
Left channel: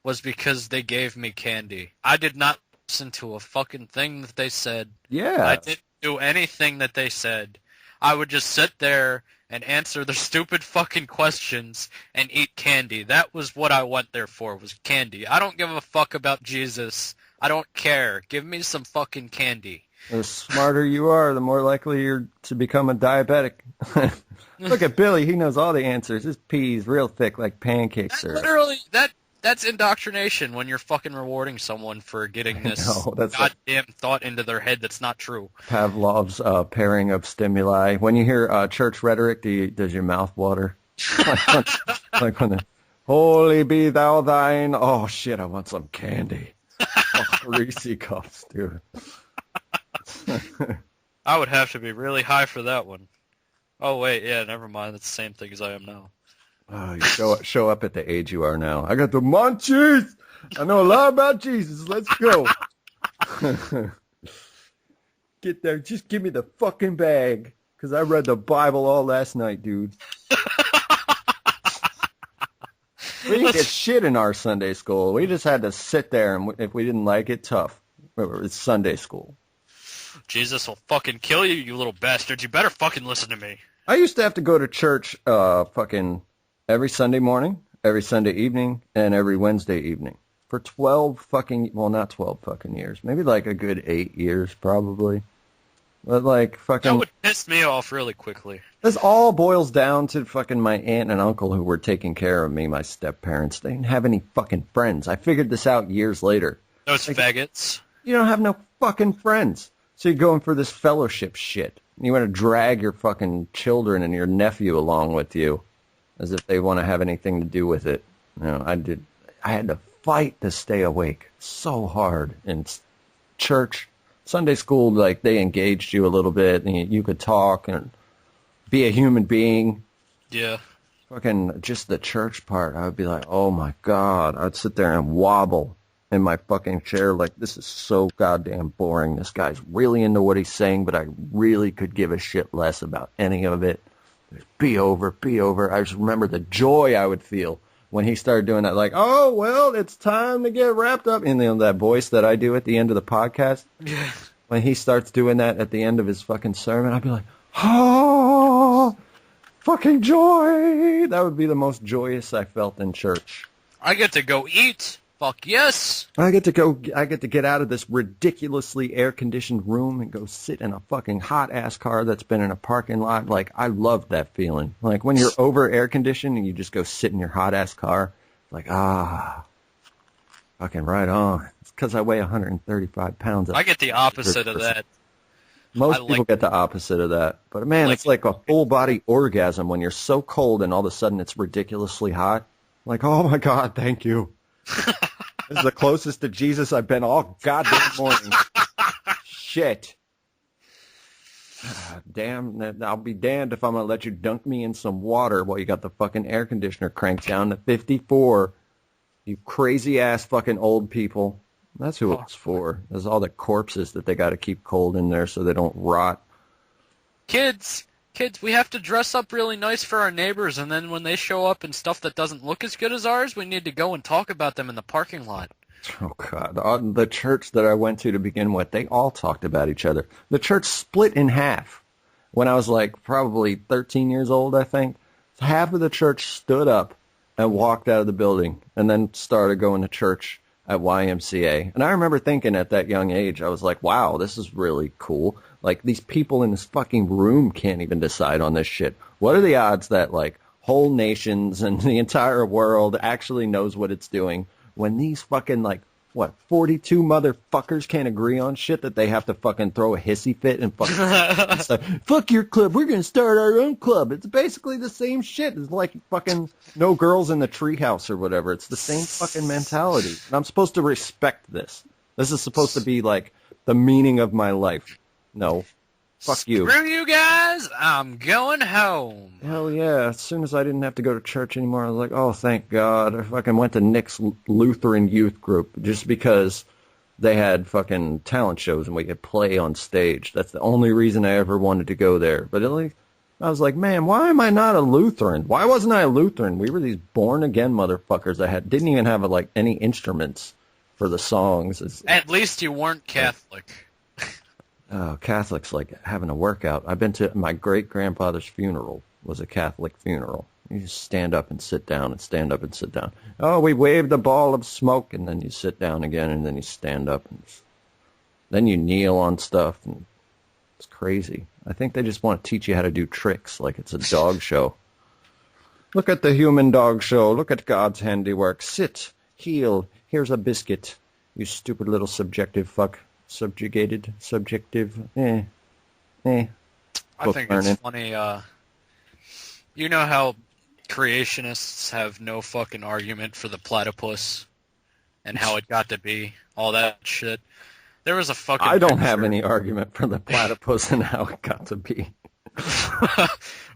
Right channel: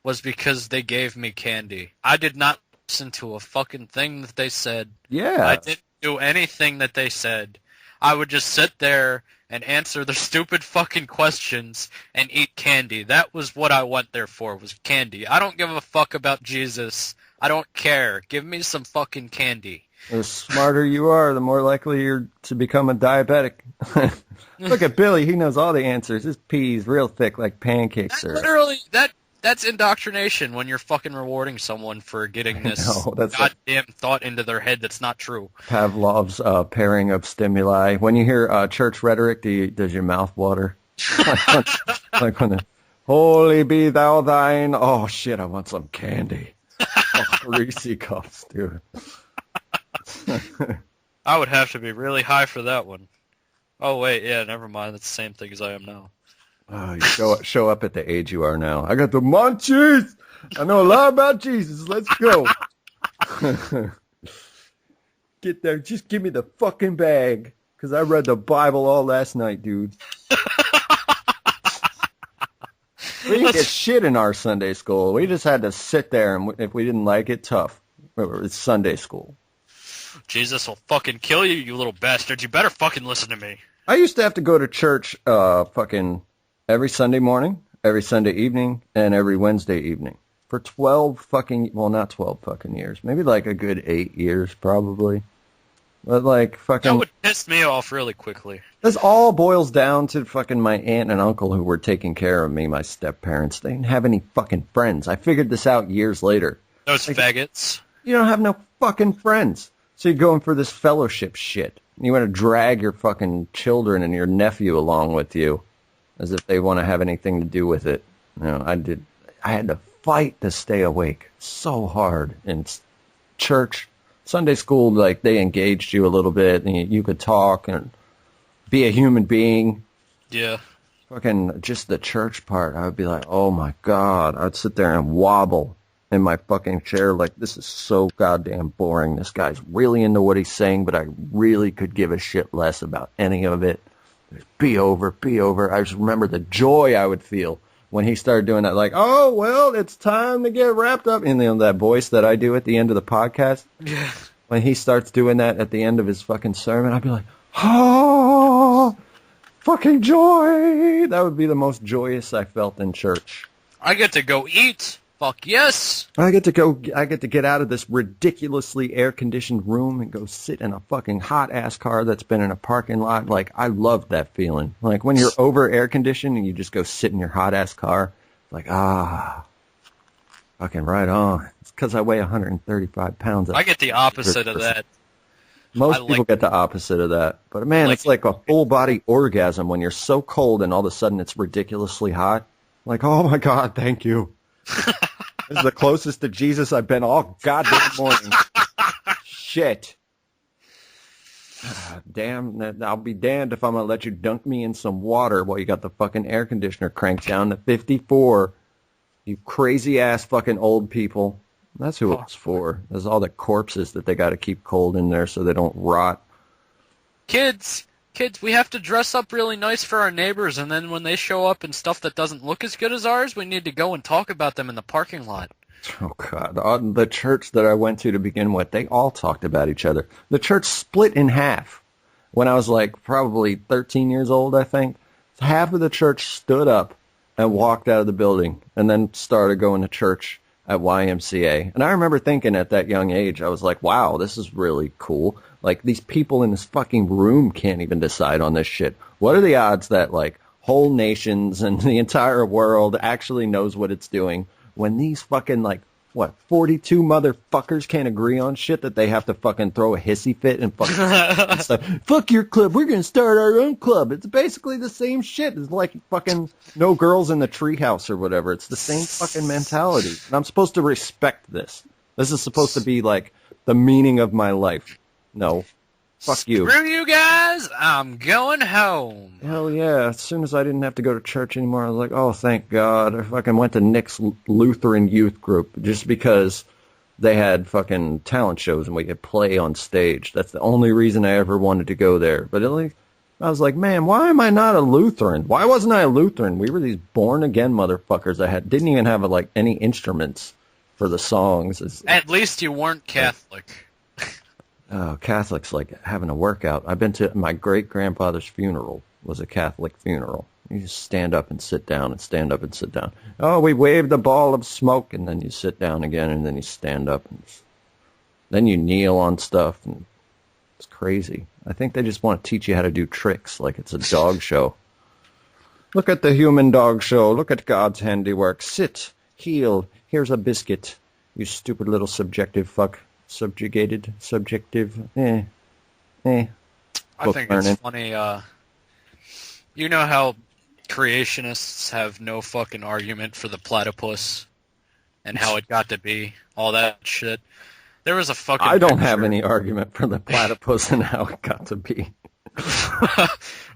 was because they gave me candy. I did not listen to a fucking thing that they said. Yeah. I didn't do anything that they said. I would just sit there and answer their stupid fucking questions and eat candy. That was what I went there for, was candy. I don't give a fuck about Jesus. I don't care. Give me some fucking candy. The smarter you are, the more likely you're to become a diabetic. Look at Billy. He knows all the answers. His pee's real thick like pancakes. Literally, that's indoctrination when you're fucking rewarding someone for getting this goddamn thought into their head that's not true. Pavlov's pairing of stimuli. When you hear church rhetoric, does your mouth water? Like when holy be thou thine. Oh, shit, I want some candy. Reese cups, dude. I would have to be really high for that one. Oh, wait, yeah, never mind. That's the same thing as I am now. Oh, you show up at the age you are now. I got the munchies. I know a lot about Jesus. Let's go. Get there. Just give me the fucking bag. Because I read the Bible all last night, dude. We didn't get shit in our Sunday school. We just had to sit there, and if we didn't like it, tough. It's Sunday school. Jesus will fucking kill you, you little bastard. You better fucking listen to me. I used to have to go to church fucking every Sunday morning, every Sunday evening, and every Wednesday evening for 12 fucking, well, not 12 fucking years. Maybe like a good 8 years probably. But like fucking... That would piss me off really quickly. This all boils down to fucking my aunt and uncle who were taking care of me, my step-parents. They didn't have any fucking friends. I figured this out years later. Those faggots. You don't have no fucking friends. So you're going for this fellowship shit. You want to drag your fucking children and your nephew along with you as if they want to have anything to do with it. You know, I had to fight to stay awake so hard in church. Sunday school, like, they engaged you a little bit and you could talk and be a human being. Yeah. Fucking just the church part, I would be like, oh my God. I'd sit there and wobble in my fucking chair like, this is so goddamn boring. This guy's really into what he's saying, but I really could give a shit less about any of it. Be over, be over. I just remember the joy I would feel when he started doing that, like, oh, well, it's time to get wrapped up. And then that voice that I do at the end of the podcast, yeah. When he starts doing that at the end of his fucking sermon, I'd be like, oh, fucking joy. That would be the most joyous I felt in church. I get to go eat. Fuck yes. I get to get out of this ridiculously air-conditioned room and go sit in a fucking hot-ass car that's been in a parking lot. Like, I love that feeling. Like, when you're over air-conditioned and you just go sit in your hot-ass car, like, fucking right on. It's because I weigh 135 pounds. I get the opposite of that. Most people get the opposite of that. But, man, it's like a full-body orgasm when you're so cold and all of a sudden it's ridiculously hot. Like, oh, my God, thank you. This is the closest to Jesus I've been all goddamn morning. Shit. Damn, I'll be damned if I'm going to let you dunk me in some water while you got the fucking air conditioner cranked down to 54. You crazy-ass fucking old people. That's who it's for. There's all the corpses that they got to keep cold in there so they don't rot. Kids, we have to dress up really nice for our neighbors, and then when they show up in stuff that doesn't look as good as ours, we need to go and talk about them in the parking lot. Oh, God. The church that I went to begin with, they all talked about each other. The church split in half when I was like probably 13 years old, I think. Half of the church stood up and walked out of the building and then started going to church at YMCA. And I remember thinking at that young age, I was like, wow, this is really cool. Like, these people in this fucking room can't even decide on this shit. What are the odds that, like, whole nations and the entire world actually knows what it's doing when these fucking, like, 42 motherfuckers can't agree on shit that they have to fucking throw a hissy fit and fucking stuff. Fuck your club, we're gonna start our own club. It's basically the same shit. It's like fucking no girls in the treehouse or whatever. It's the same fucking mentality. And I'm supposed to respect this. This is supposed to be like the meaning of my life. No. Fuck you. Screw you guys, I'm going home. Hell yeah. As soon as I didn't have to go to church anymore, I was like, oh, thank God. I fucking went to Nick's Lutheran youth group just because they had fucking talent shows and we could play on stage. That's the only reason I ever wanted to go there. But I was like, man, why am I not a Lutheran? Why wasn't I a Lutheran? We were these born-again motherfuckers that didn't even have like any instruments for the songs. At least you weren't Catholic. Oh, Catholics like having a workout. I've been to my great-grandfather's funeral. Was a Catholic funeral. You just stand up and sit down and stand up and sit down. Oh, we waved a ball of smoke, and then you sit down again, and then you stand up. And then you kneel on stuff, and it's crazy. I think they just want to teach you how to do tricks like it's a dog show. Look at the human dog show. Look at God's handiwork. Sit, heel, here's a biscuit. You stupid little subjective fuck. Subjugated, subjective, I think it's funny, you know how creationists have no fucking argument for the platypus and how it got to be, all that shit. There was a fucking I don't have any argument for the platypus and how it got to be.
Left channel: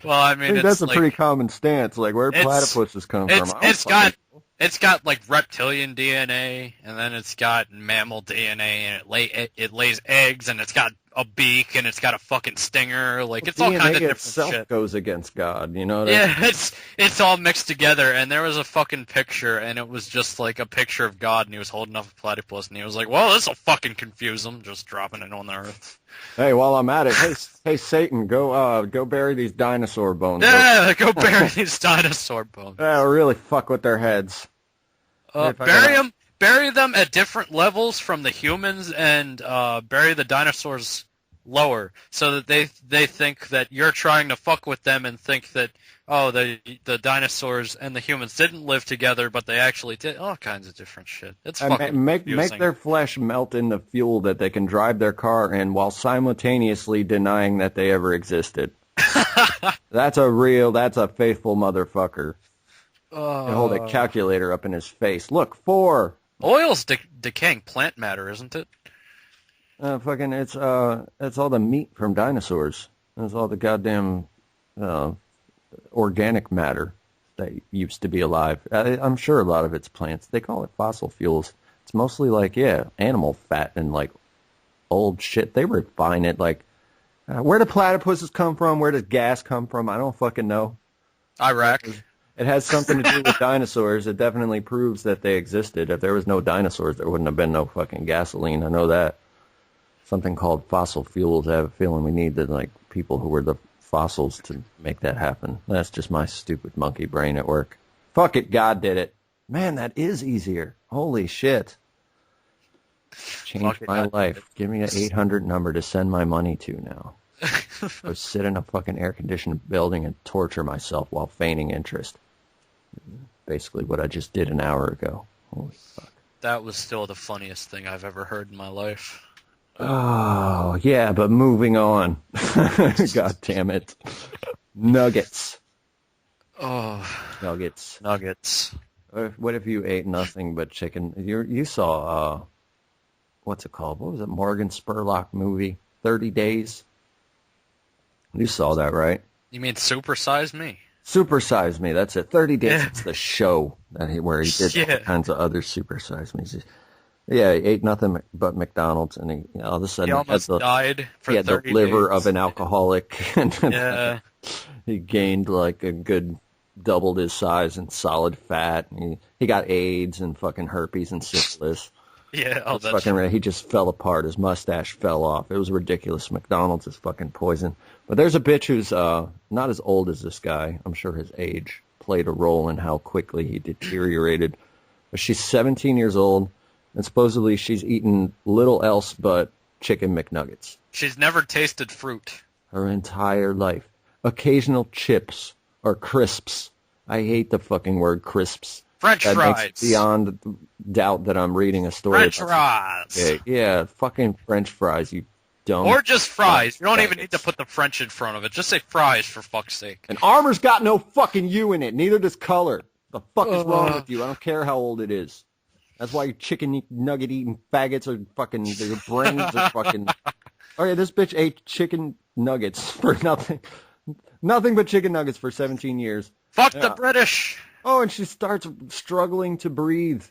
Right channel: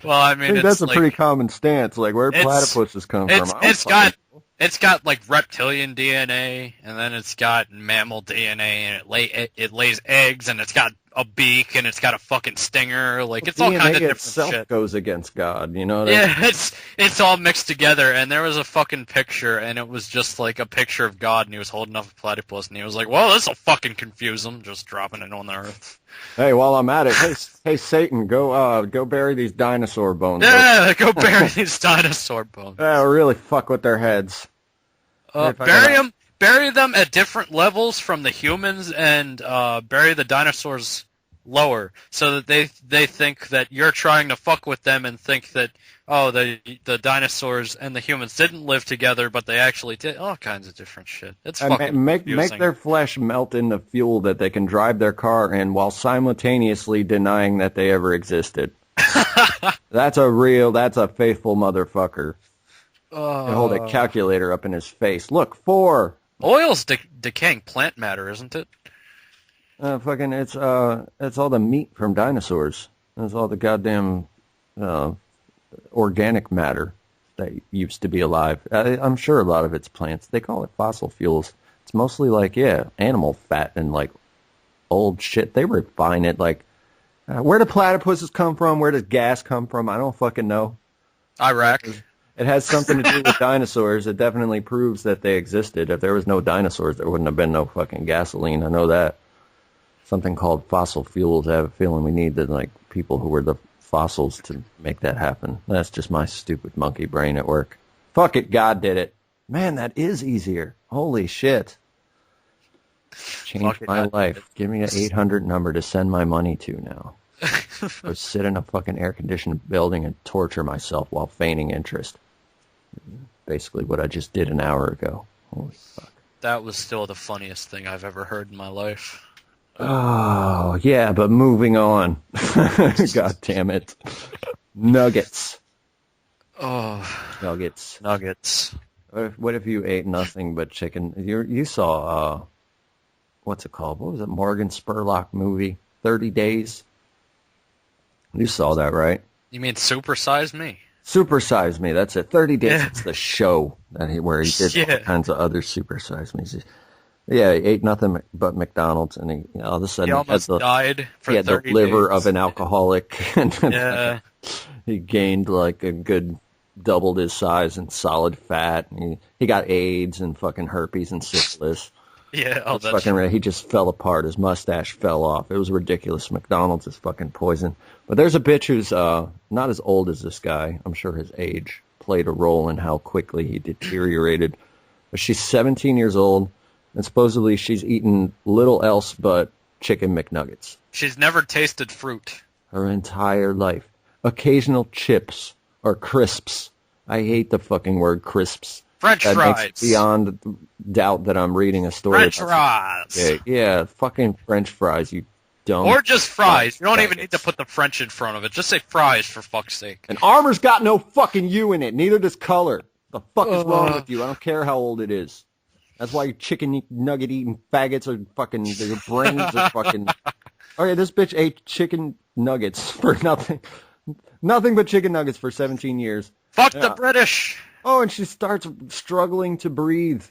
Well, I mean, that's a pretty common stance, like where platypuses come from. It's got like reptilian DNA, and then it's got mammal DNA, and it lays eggs, and it's got a beak, and it's got a fucking stinger. Like it's all kind of different shit. Goes against God, you know what I mean? It's all mixed together. And there was a fucking picture, and it was just like a picture of God, and he was holding up a platypus, and he was like, "Well, this will fucking confuse them." Just dropping it on the earth. Hey, while I'm at it, hey Satan, go bury these dinosaur bones. Yeah, go bury these dinosaur bones. Yeah, really fuck with their heads. Bury them at different levels from the humans, and bury the dinosaurs lower, so that they think that you're trying to fuck with them and think that the dinosaurs and the humans didn't live together, but they actually did. All kinds of different shit. It's fucking make their flesh melt in the fuel that they can drive their car in while simultaneously denying that they ever existed. That's a faithful motherfucker. They hold a calculator up in his face. Look, 4. Oil's decaying plant matter, isn't it? It's all the meat from dinosaurs. It's all the goddamn organic matter that used to be alive. I'm sure a lot of it's plants. They call it fossil fuels. It's mostly like, animal fat and like old shit. They refine it. Like, where do platypuses come from? Where does gas come from? I don't fucking know. Iraq. It has something to do with dinosaurs. It definitely proves that they existed. If there was no dinosaurs, there wouldn't have been no fucking gasoline. I know that. Something called fossil fuels. I have a feeling we need people who were the fossils to make that happen. That's just my stupid monkey brain at work. Fuck it, God did it. Man, that is easier. Holy shit. Changed my life. Give me an 800 number to send my money to now. Or sit in a fucking air-conditioned building and torture myself while feigning interest. Basically what I just did an hour ago. Holy fuck. That was still the funniest thing I've ever heard in my life. Oh, yeah, but moving on. God damn it. Nuggets. Oh. Nuggets. What if you ate nothing but chicken? You saw, what's it called? What was it? Morgan Spurlock movie? 30 Days? You saw that, right? You mean Super Size Me? Super Size Me, that's it. 30 Days, it's the show where he did all kinds of other Super Size Me's. Yeah, he ate nothing but McDonald's, and he all of a sudden he almost died for 30 days. He had the liver of an alcoholic. And he gained like a good doubled his size in solid fat. And he got AIDS and fucking herpes and syphilis. Yeah, It's fucking, he just fell apart. His mustache fell off. It was ridiculous. McDonald's is fucking poison. But there's a bitch who's not as old as this guy. I'm sure his age played a role in how quickly he deteriorated. But she's 17 years old, and supposedly she's eaten little else but chicken McNuggets. She's never tasted fruit. Her entire life. Occasional chips or crisps. I hate the fucking word crisps. French that fries. Makes beyond doubt that I'm reading a story. French fries. Yeah, fucking French fries, you dumb. Or just fries. You don't even need to put the French in front of it. Just say fries, for fuck's sake. And armor's got no fucking U in it. Neither does color. The fuck is wrong with you? I don't care how old it is. That's why you chicken nugget eating faggots are fucking, their brains are fucking... Okay, this bitch ate chicken nuggets for nothing. Nothing but chicken nuggets for 17 years. Fuck the British. Oh, and she starts struggling to breathe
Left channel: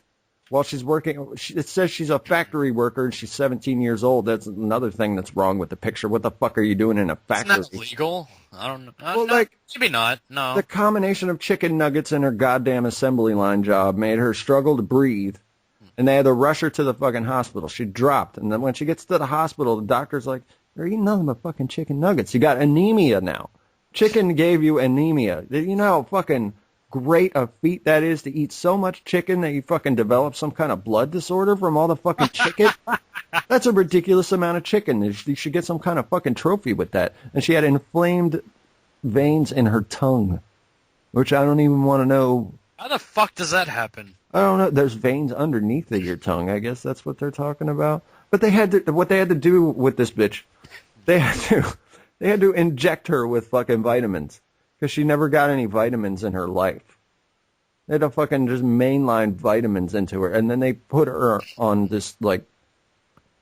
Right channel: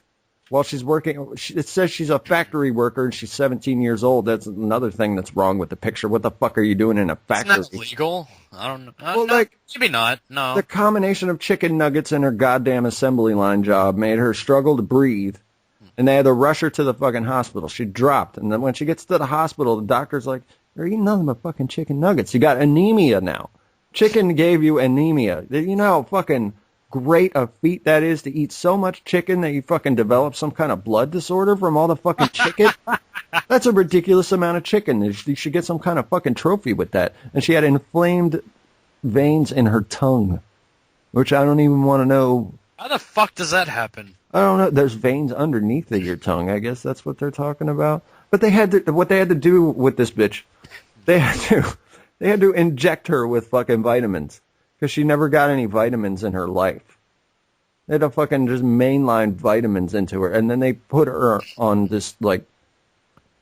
while she's working. It says she's a factory worker and she's 17 years old. That's another thing that's wrong with the picture. What the fuck are you doing in a factory? Isn't that legal? I don't know. Well, like, maybe not. No. The combination of chicken nuggets and her goddamn assembly line job made her struggle to breathe. And they had to rush her to the fucking hospital. She dropped. And then when she gets to the hospital, the doctor's like, you're eating nothing but fucking chicken nuggets. You got anemia now. Chicken gave you anemia. You know how fucking great a feat that is to eat so much chicken that you fucking develop some kind of blood disorder from all the fucking chicken? That's a ridiculous amount of chicken. You should get some kind of fucking trophy with that. And she had inflamed veins in her tongue, which I don't even want to know. How the fuck does that happen? I don't know. There's veins underneath of your tongue. I guess that's what they're talking about. But they had to, what they had to do with this bitch, they had to inject her with fucking vitamins because she never got any vitamins in her life. They had to fucking just mainline vitamins into her, and then they put her on this like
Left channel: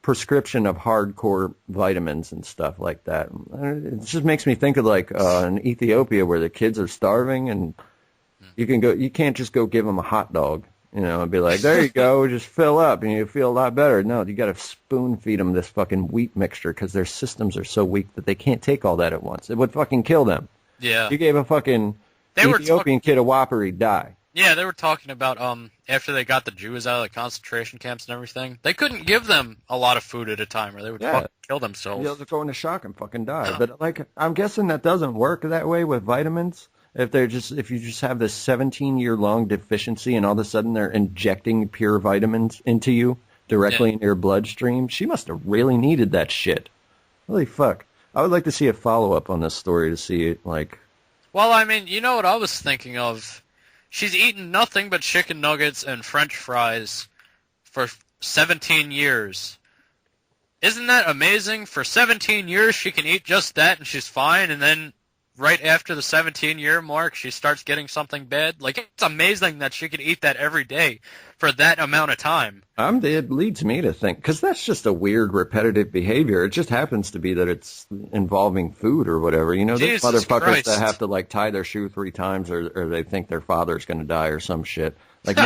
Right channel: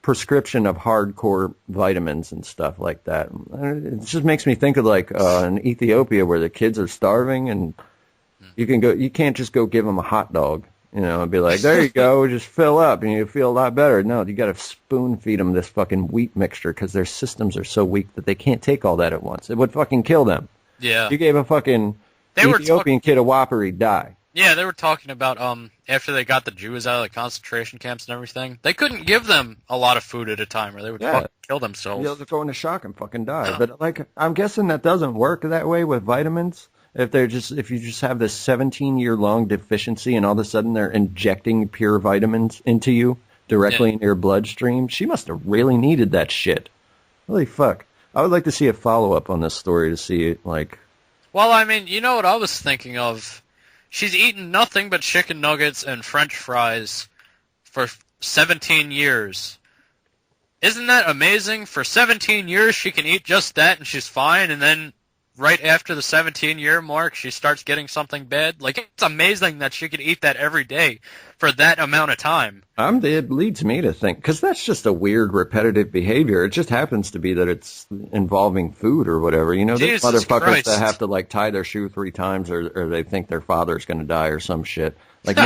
prescription of hardcore vitamins and stuff like that. It just makes me think of like in Ethiopia where the kids are starving and you can't just go give them a hot dog, you know, and be like, there you go, just fill up and you feel a lot better. No, you got to spoon feed them this fucking wheat mixture because their systems are so weak that they can't take all that at once. It would fucking kill them. Yeah. You gave a fucking Ethiopian kid a Whopper, he'd die. Yeah, they were talking about after they got the Jews out of the concentration camps and everything, they couldn't give them a lot of food at a time or they would fucking kill themselves. They'll go into shock and fucking die. But like, I'm guessing that doesn't work that way with vitamins. If you just have this 17-year-long deficiency and all of a sudden they're injecting pure vitamins into you directly in your bloodstream, she must have really needed that shit. Holy fuck. I would like to see a follow-up on this story to see it, like... Well, I mean, you know what I was thinking of? She's eaten nothing but chicken nuggets and French fries for 17 years. Isn't that amazing? For 17 years, she can eat just that and she's fine, and then right after the 17-year mark, she starts getting something bad. Like, it's amazing that she could eat that every day for that amount of time. It leads me to think, because that's just a weird, repetitive behavior. It just happens to be that it's involving food or whatever. You know, those motherfuckers that have to, like, tie their shoe 3 times or they think their father's going to die or some shit. Like,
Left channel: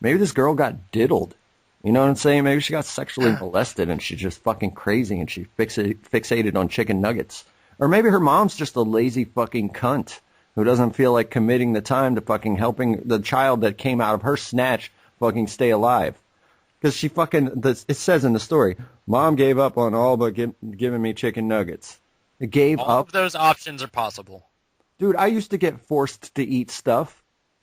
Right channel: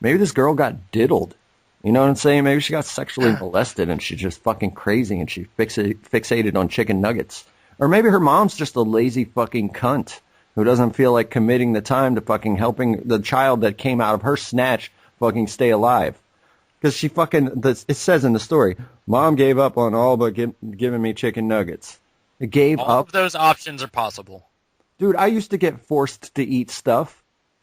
maybe this girl got diddled. You know what I'm saying? Maybe she got sexually molested and she's just fucking crazy and she fixated on chicken nuggets. Or maybe her mom's just a lazy fucking cunt who doesn't feel like committing the time to fucking helping the child that came out of her snatch fucking stay alive. Because she fucking, it says in the story, Mom gave up on all but giving me chicken nuggets. It gave up. All of those options are possible. Dude, I used to get forced to eat stuff.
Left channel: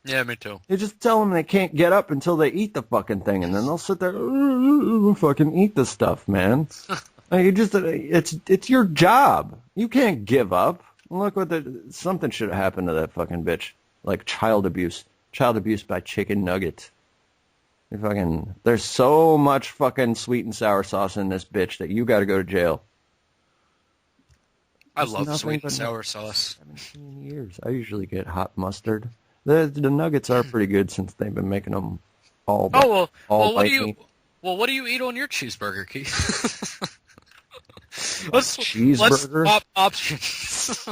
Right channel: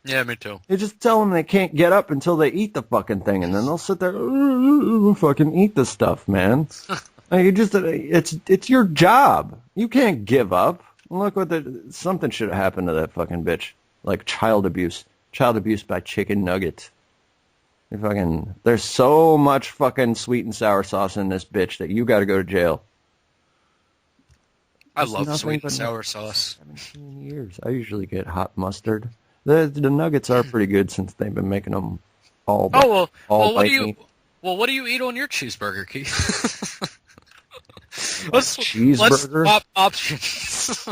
Yeah, me too. They just tell them they can't get up until they eat the fucking thing, and then they'll sit there, fucking eat the stuff, man. It's your job. You can't give up. Look something should have happened to that fucking bitch, like child abuse by chicken nuggets. There's so much fucking sweet and sour sauce in this bitch that you got to go to jail. I love sweet and sour sauce. 17 years. I usually get hot mustard. The nuggets are pretty good since they've been making them all. What do you eat on your cheeseburger, Keith? Cheeseburger? Let's swap options.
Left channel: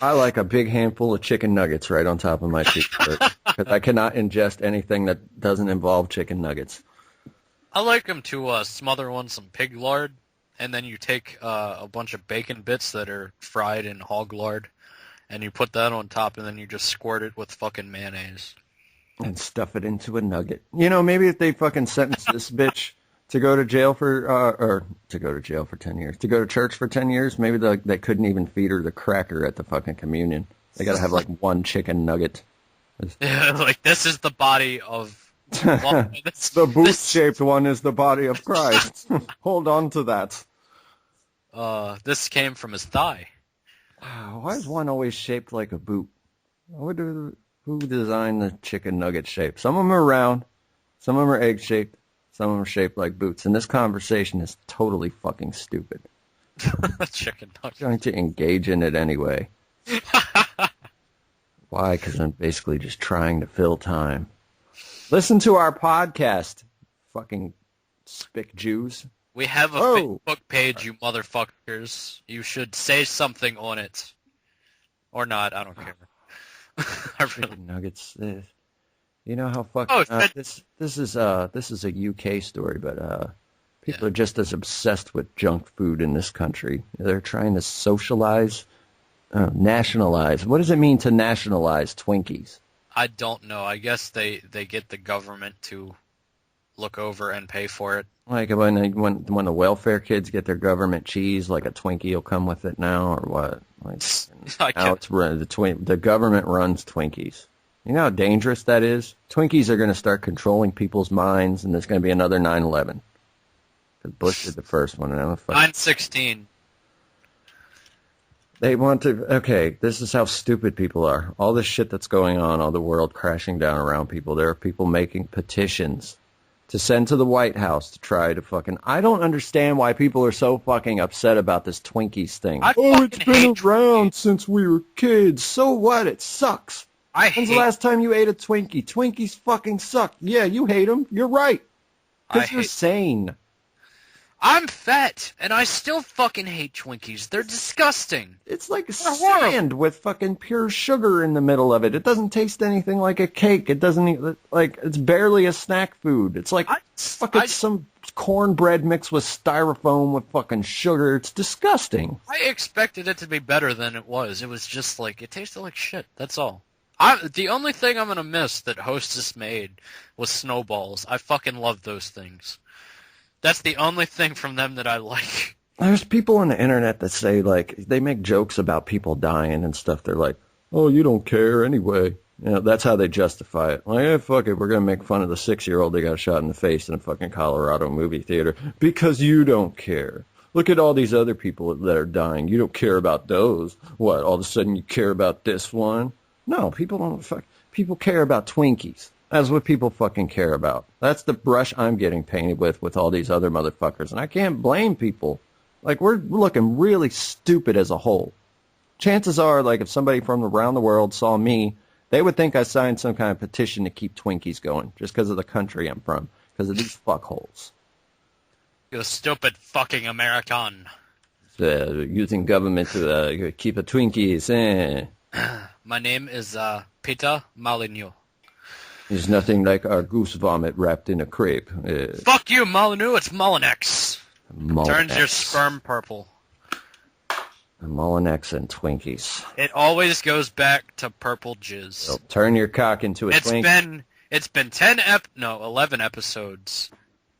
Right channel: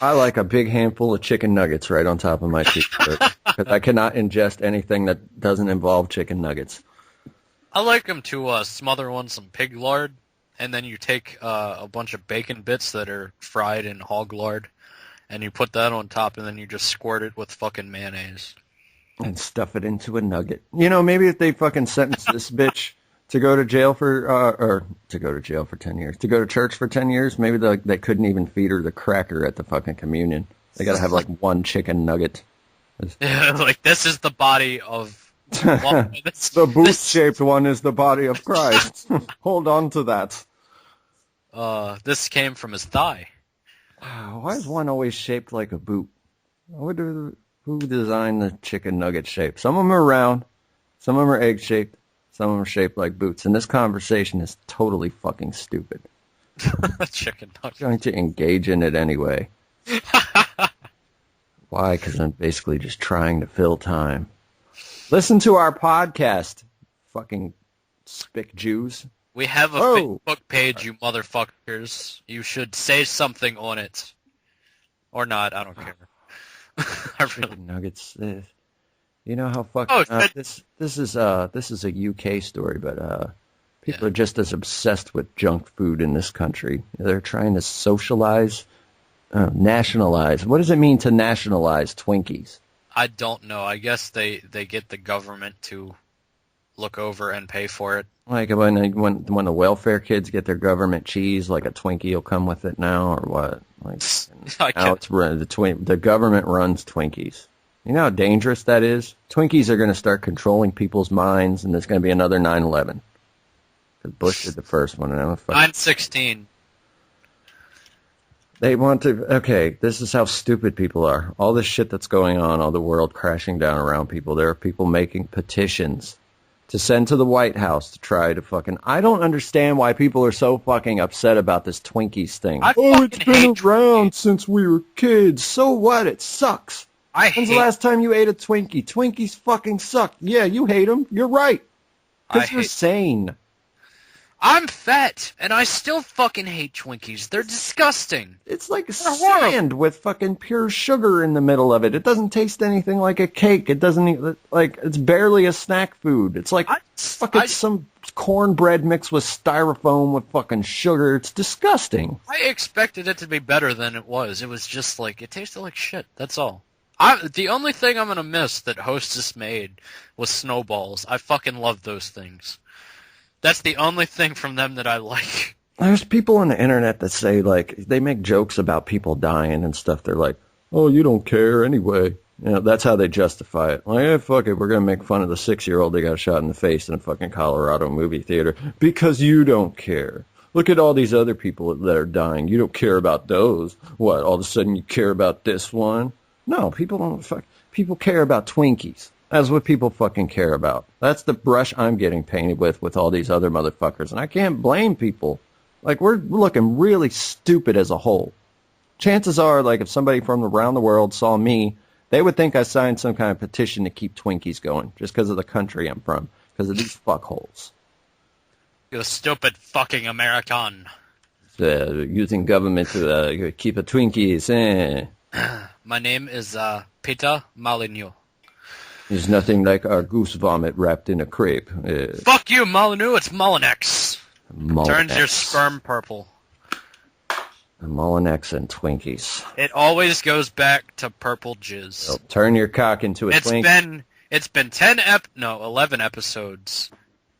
I like a big handful of chicken nuggets right on top of my cheeseburger because I cannot ingest anything that doesn't involve chicken nuggets. I like them to smother on some pig lard, and then you take a bunch of bacon bits that are fried in hog lard, and you put that on top, and then you just squirt it with fucking mayonnaise. And stuff it into a nugget. You know, maybe if they fucking sentence this bitch to go to jail for 10 years. To go to church for 10 years, maybe they couldn't even feed her the cracker at the fucking communion. They gotta have like one chicken nugget. Yeah, like this is the body of one. The boot-shaped one is the body of Christ. Hold on to that. This came from his thigh. Why is one always shaped like a boot? Who designed the chicken nugget shape? Some of them are round, some of them are egg-shaped, some of them are shaped like boots. And this conversation is totally fucking stupid. Chicken nugget. I'm trying to engage in it anyway. Why? Because I'm basically just trying to fill time. Listen to our podcast, fucking spick Jews. We have a Facebook page, you motherfuckers. You should say something on it. Or not, I don't care. Chicken nuggets. You know how fucking... this is a UK story, but people are just as obsessed with junk food in this country. They're trying to socialize, nationalize. What does it mean to nationalize Twinkies? I don't know. I guess they get the government to look over and pay for it. Like when the welfare kids get their government cheese, like a Twinkie will come with it now, or what? Like now the government runs Twinkies. You know how dangerous that is? Twinkies are going to start controlling people's minds, and there's going to be another 9/11. Because Bush did the first one. 9/16. They want to... Okay, this is how stupid people are. All this shit that's going on, all the world crashing down around people, there are people making petitions to send to the White House to try to fucking... I don't understand why people are so fucking upset about this Twinkies thing. It's been around since we were kids. So what? It sucks. When's the last time you ate a Twinkie? Twinkies fucking suck. Yeah, you hate them. You're right. Because you're sane. I'm fat, and I still fucking hate Twinkies. They're disgusting. It's like sand with fucking pure sugar in the middle of it. It doesn't taste anything like a cake. It doesn't, like, it's barely a snack food. It's like some cornbread mixed with styrofoam with fucking sugar. It's disgusting. I expected it to be better than it was. It was just like, it tasted like shit. That's all. The only thing I'm going to miss that Hostess made was Snowballs. I fucking love those things. That's the only thing from them that I like. There's people on the internet that say, like, they make jokes about people dying and stuff. They're like, oh, you don't care anyway. You know, that's how they justify it. Like, hey, fuck it, we're going to make fun of the 6-year-old that got shot in the face in a fucking Colorado movie theater because you don't care. Look at all these other people that are dying. You don't care about those. What, all of a sudden you care about this one? No, people don't people care about Twinkies. That's what people fucking care about. That's the brush I'm getting painted with all these other motherfuckers. And I can't blame people. Like, we're looking really stupid as a whole. Chances are, like, if somebody from around the world saw me, they would think I signed some kind of petition to keep Twinkies going, just because of the country I'm from, because of these fuckholes. You stupid fucking American. Using government to keep a Twinkies, My name is Peter Molyneux. There's nothing like our goose vomit wrapped in a crepe. Fuck you, Molyneux. It's Molinex. Turns your sperm purple. Molinex and Twinkies. It always goes back to purple jizz. Well, turn your cock into a Twinkie. It's been 11 episodes,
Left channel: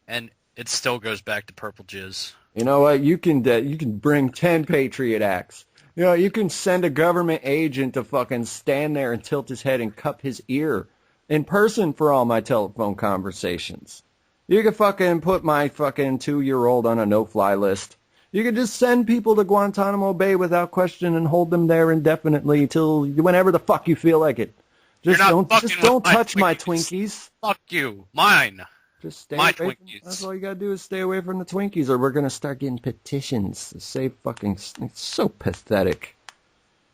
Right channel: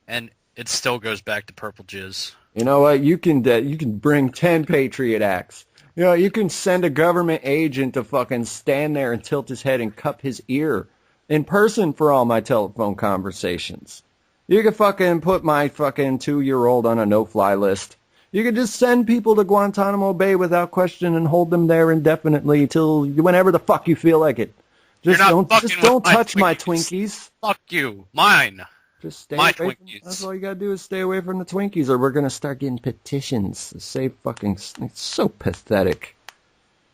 and it still goes back to purple jizz. You know what? You can bring 10 Patriot Acts. You know, you can send a government agent to fucking stand there and tilt his head and cup his ear in person for all my telephone conversations. You could fucking put my fucking 2-year-old on a no-fly list. You could just send people to Guantanamo Bay without question and hold them there indefinitely till whenever the fuck you feel like it. Just don't touch my Twinkies. Fuck you. Mine. Just stay away from Twinkies. That's all you gotta do is stay away from the Twinkies, or we're gonna start getting petitions to save fucking... It's so pathetic.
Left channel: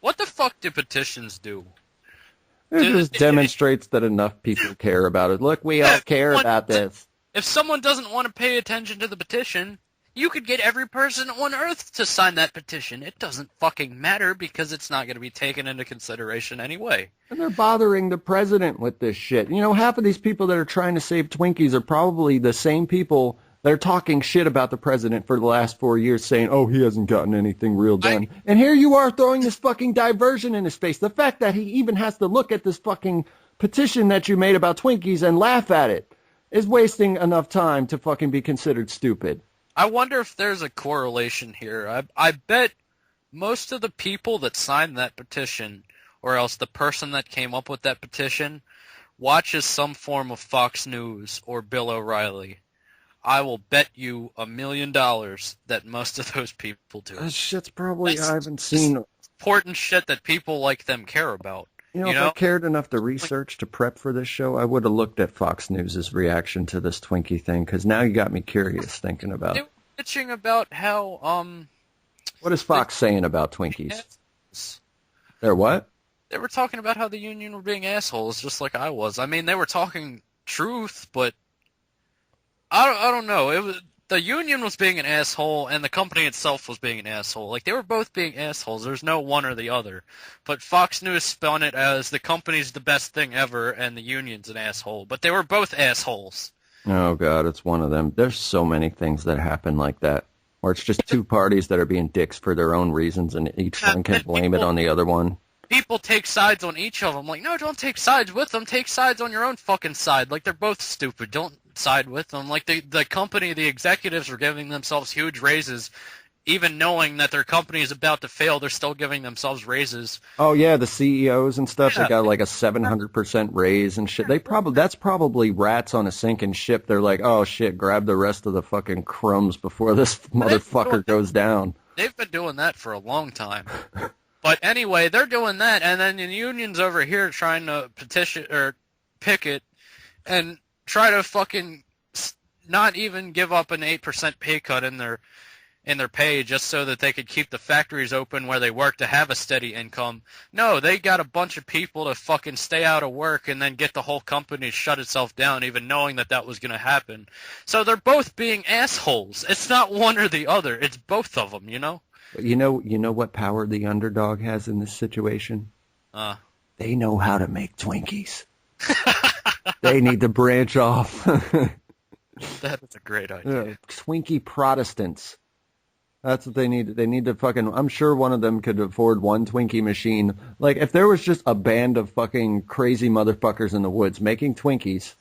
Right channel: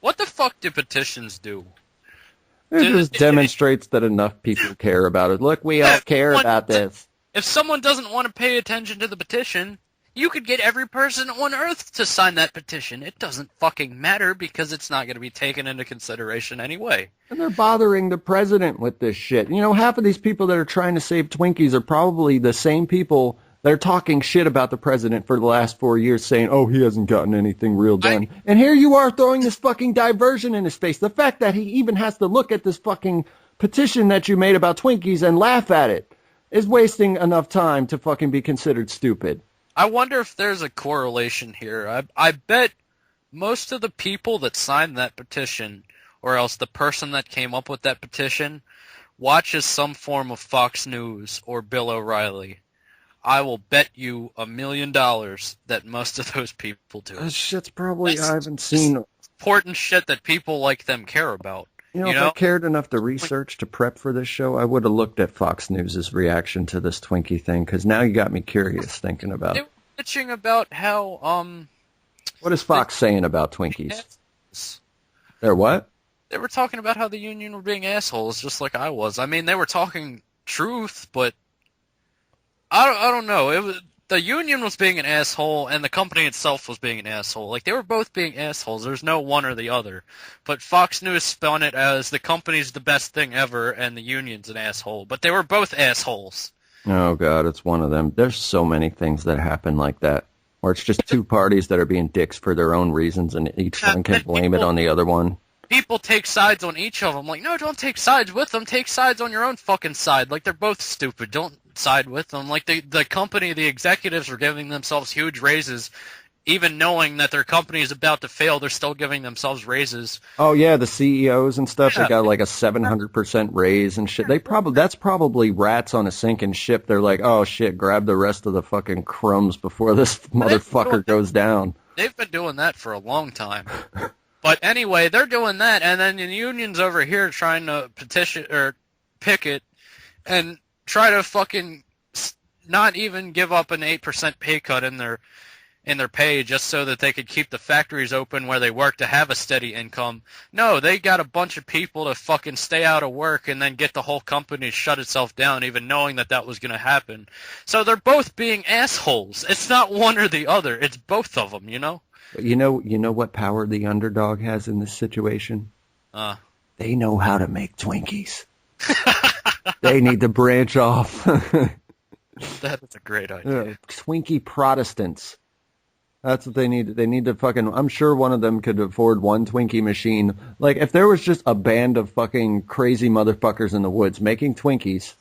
What the fuck do petitions do? It just demonstrates that enough people care about it. Look, we all care about this. If someone doesn't want to pay attention to the petition, you could get every person on Earth to sign that petition. It doesn't fucking matter because it's not going to be taken into consideration anyway. And they're bothering the president with this shit. You know, half of these people that are trying to save Twinkies are probably the same people that are talking shit about the president for the last 4 years, saying, oh, he hasn't gotten anything real done. And here you are throwing this fucking diversion in his face. The fact that he even has to look at this fucking petition that you made about Twinkies and laugh at it is wasting enough time to fucking be considered stupid. I wonder if there's a correlation here. I bet most of the people that signed that petition, or else the person that came up with that petition, watches some form of Fox News or Bill O'Reilly. I will bet you $1 million that most of those people do. That shit's probably, I haven't seen... important shit that people like them care about. If I cared enough to research to prep for this show, I would have looked at Fox News' reaction to this Twinkie thing, because now you got me curious thinking about it. They were bitching about how, What is Fox saying about Twinkies? They're what? They were talking about how the union were being assholes, just like I was. I mean, they were talking truth, but I don't know. The union was being an asshole, and the company itself was being an asshole. Like, they were both being assholes. There's no one or the other. But Fox News spun it as the company's the best thing ever, and the union's an asshole. But they were both assholes. Oh, God, it's one of them. There's so many things that happen like that, where it's just two parties that are being dicks for their own reasons, and each one can blame it on the other one. People take sides on each of them. Like, no, don't take sides with them. Take sides on your own fucking side. Like, they're both stupid. Don't side with them. Like, the company, the executives are giving themselves huge raises. Even knowing that their company is about to fail, they're still giving themselves raises. Oh, yeah, the CEOs and stuff, they got like a 700% raise and shit. That's probably rats on a sinking ship. They're like, oh, shit, grab the rest of the fucking crumbs before this motherfucker goes down. They've been doing that for a long time. But anyway, they're doing that, and then the union's over here trying to petition or picket and try to fucking not even give up an 8% pay cut in their pay just so that they could keep the factories open where they work to have a steady income. No, they got a bunch of people to fucking stay out of work and then get the whole company to shut itself down, even knowing that was going to happen. So they're both being assholes. It's not one or the other. It's both of them, you know? You know what power the underdog has in this situation? They know how to make Twinkies. They need to branch off. That is a great idea. Yeah, Twinkie Protestants. That's what they need. They need to fucking... I'm sure one of them could afford one Twinkie machine. Like, if there was just a band of fucking crazy motherfuckers in the woods making Twinkies,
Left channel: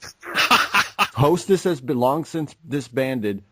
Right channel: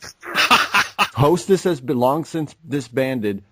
Hostess has been long since disbanded,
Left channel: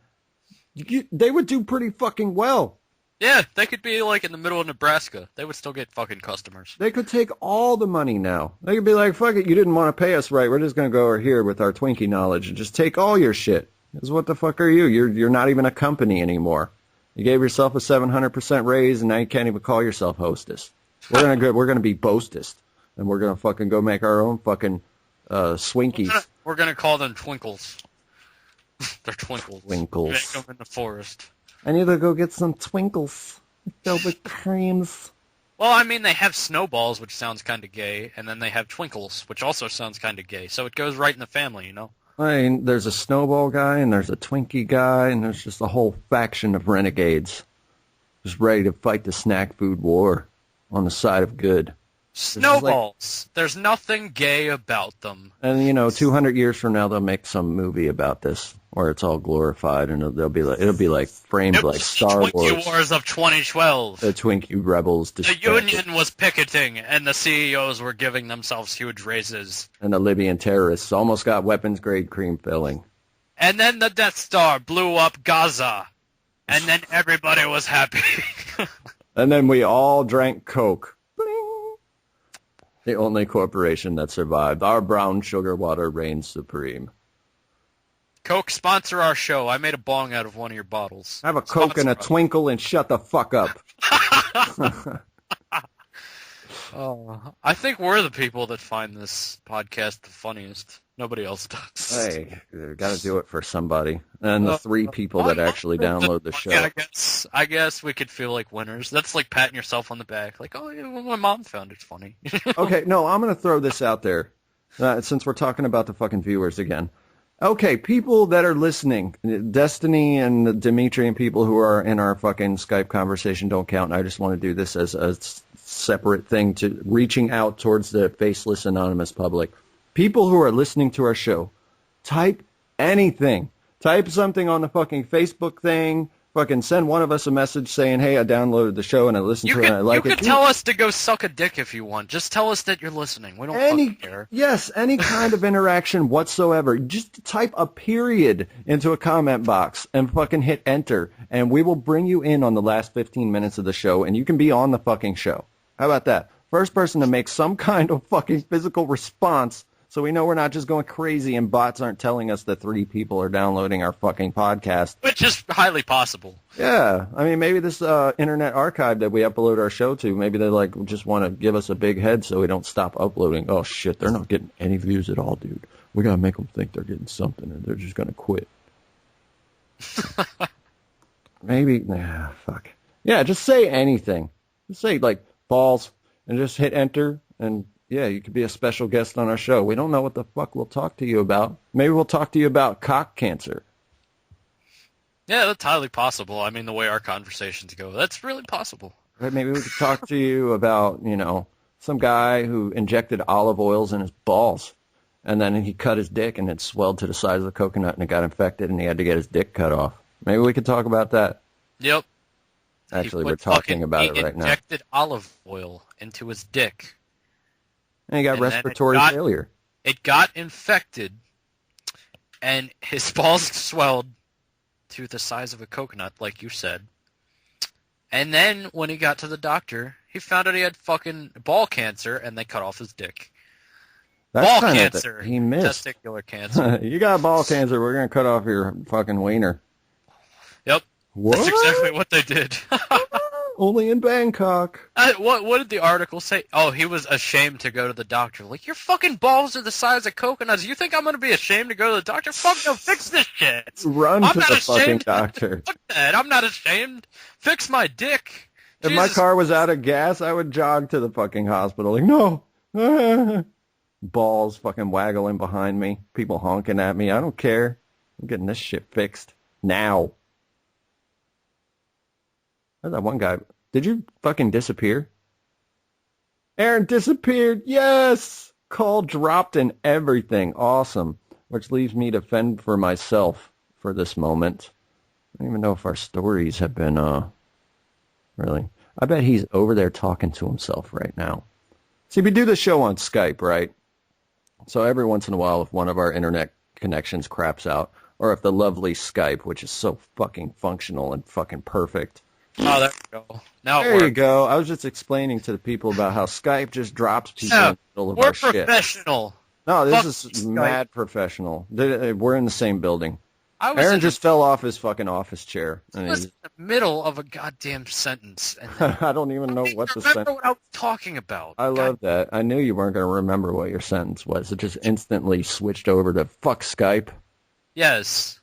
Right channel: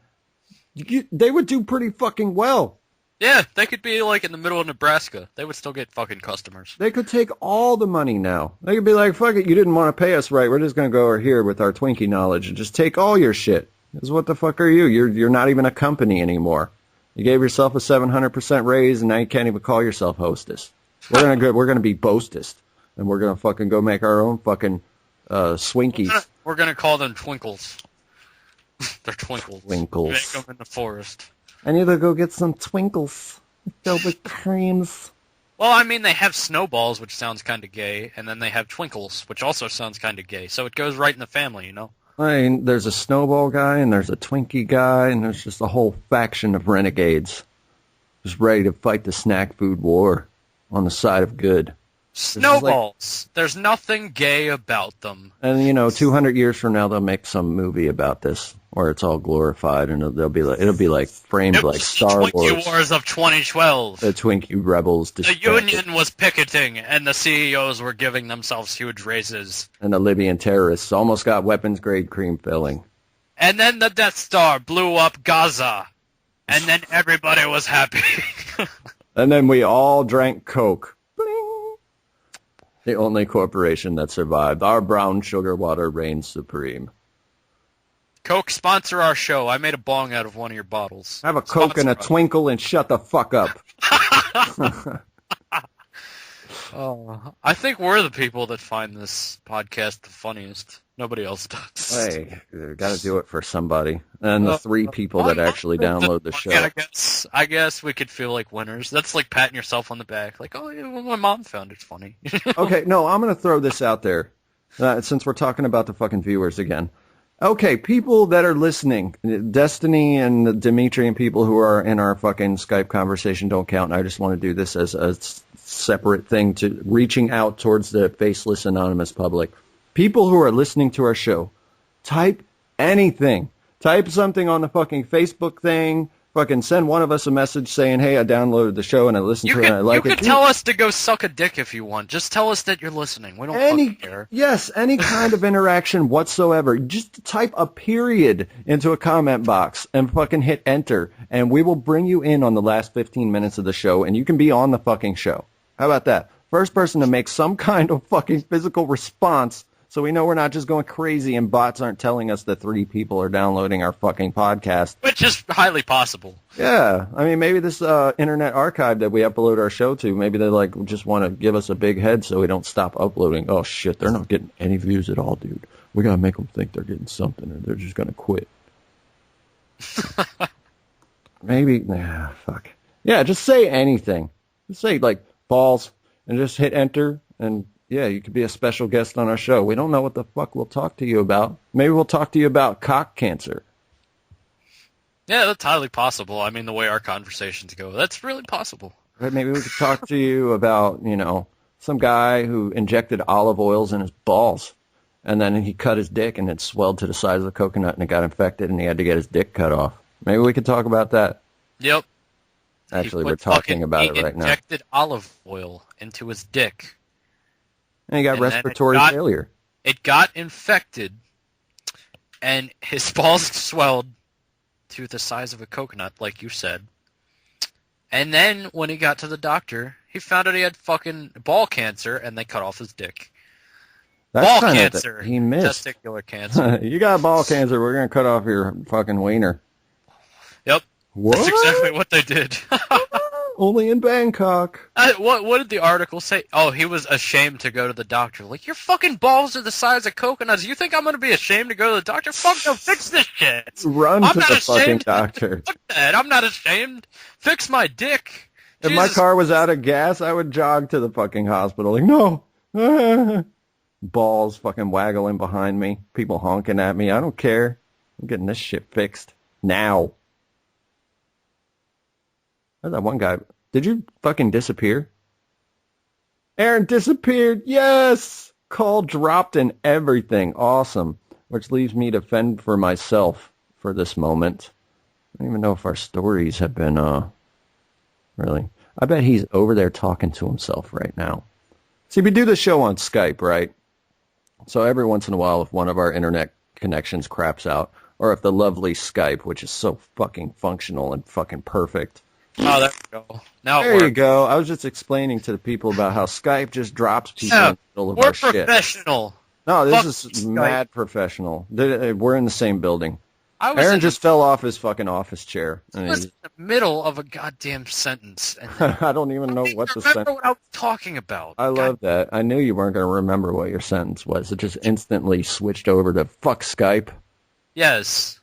they would do pretty fucking well. Yeah, they could be, like, in the middle of Nebraska. They would still get fucking customers. They could take all the money now. They could be like, fuck it, you didn't want to pay us right. We're just going to go over here with our Twinkie knowledge and just take all your shit. Because what the fuck are you? You're not even a company anymore. You gave yourself a 700% raise, and now you can't even call yourself Hostess. We're gonna be Boastest, and we're going to fucking go make our own fucking Swinkies. We're going to call them Twinkles. They're Twinkles. Twinkles. Make them in the forest. I need to go get some Twinkles filled with creams. Well, I mean, they have Snowballs, which sounds kind of gay, and then they have Twinkles, which also sounds kind of gay. So it goes right in the family, you know? I mean, there's a Snowball guy, and there's a Twinkie guy, and there's just a whole faction of renegades just ready to fight the snack food war on the side of good. Snowballs. There's nothing gay about them. And, 200 years from now, they'll make some movie about this, where it's all glorified, and it'll be like framed like Star Wars. The Twinkie Wars of 2012. The Twinkie Rebels. The union was picketing, and the CEOs were giving themselves huge raises. And the Libyan terrorists almost got weapons-grade cream filling. And then the Death Star blew up Gaza, and then everybody was happy. And then we all drank Coke. The only corporation that survived. Our brown sugar water reigns supreme. Coke, sponsor our show. I made a bong out of one of your bottles. Have a Coke and a Twinkle and shut the fuck up. I think we're the people that find this podcast the funniest. Nobody else does. Hey, you got to do it for somebody. And the 3 people that actually download the show. I guess we could feel like winners. That's like patting yourself on the back. Like, oh, yeah, well, my mom found it funny. Okay, no, I'm going to throw this out there. Since we're talking about the fucking viewers again. Okay, people that are listening, Destiny and Dimitri and people who are in our fucking Skype conversation don't count. I just want to do this as a separate thing to reaching out towards the faceless anonymous public. People who are listening to our show, type anything. Type something on the fucking Facebook thing. fucking send one of us a message saying, hey, I downloaded the show and I listened to it and I like it. You can tell us to go suck a dick if you want. Just tell us that you're listening. We don't fucking care. Yes, any kind of interaction whatsoever. Just type a period into a comment box and fucking hit enter, and we will bring you in on the last 15 minutes of the show, and you can be on the fucking show. How about that? First person to make some kind of fucking physical response, so we know we're not just going crazy and bots aren't telling us that 3 people are downloading our fucking podcast. Which is highly possible. Yeah. I mean, maybe this internet archive that we upload our show to, maybe they like just want to give us a big head so we don't stop uploading. Oh, shit, they're not getting any views at all, dude. We got to make them think they're getting something or they're just going to quit. Maybe, fuck. Yeah, just say anything. Just say, like, balls and just hit enter and... yeah, you could be a special guest on our show. We don't know what the fuck we'll talk to you about. Maybe we'll talk to you about cock cancer. Yeah, that's highly possible. I mean, the way our conversations go, that's really possible. Right, maybe we could talk to you about, some guy who injected olive oils in his balls. And then he cut his dick and it swelled to the size of a coconut and it got infected and he had to get his dick cut off. Maybe we could talk about that. Yep. Actually, we're talking about it right now. He injected olive oil into his dick. And he got respiratory failure. It got infected, and his balls swelled to the size of a coconut, like you said. And then when he got to the doctor, he found out he had fucking ball cancer, and they cut off his dick. That's ball cancer. He missed. Testicular cancer. You got ball cancer, we're going to cut off your fucking wiener. Yep. What? That's exactly what they did. Only in Bangkok. What did the article say? Oh, he was ashamed to go to the doctor. Like, your fucking balls are the size of coconuts. You think I'm going to be ashamed to go to the doctor? Fuck no, fix this shit. Run to the fucking doctor. Fuck that. I'm not ashamed. Fix my dick. If my car was out of gas, I would jog to the fucking hospital. Like, no. Balls fucking waggling behind me. People honking at me. I don't care. I'm getting this shit fixed. Now. There's that one guy. Did you fucking disappear? Aaron disappeared. Yes! Call dropped and everything. Awesome. Which leaves me to fend for myself for this moment. I don't even know if our stories have been, really. I bet he's over there talking to himself right now. See, we do the show on Skype, right? So every once in a while, if one of our internet connections craps out, or if the lovely Skype, which is so fucking functional and fucking perfect. Oh, there we go. Now there you go. I was just explaining to the people about how Skype just drops people in the middle of our shit. We're professional. No, this is mad professional. We're in the same building. Aaron just fell off his fucking office chair. I was in the middle of a goddamn sentence. And I don't even know what the sentence. Remember what I was talking about. I love that. I knew you weren't going to remember what your sentence was. It just instantly switched over to fuck Skype. Yes.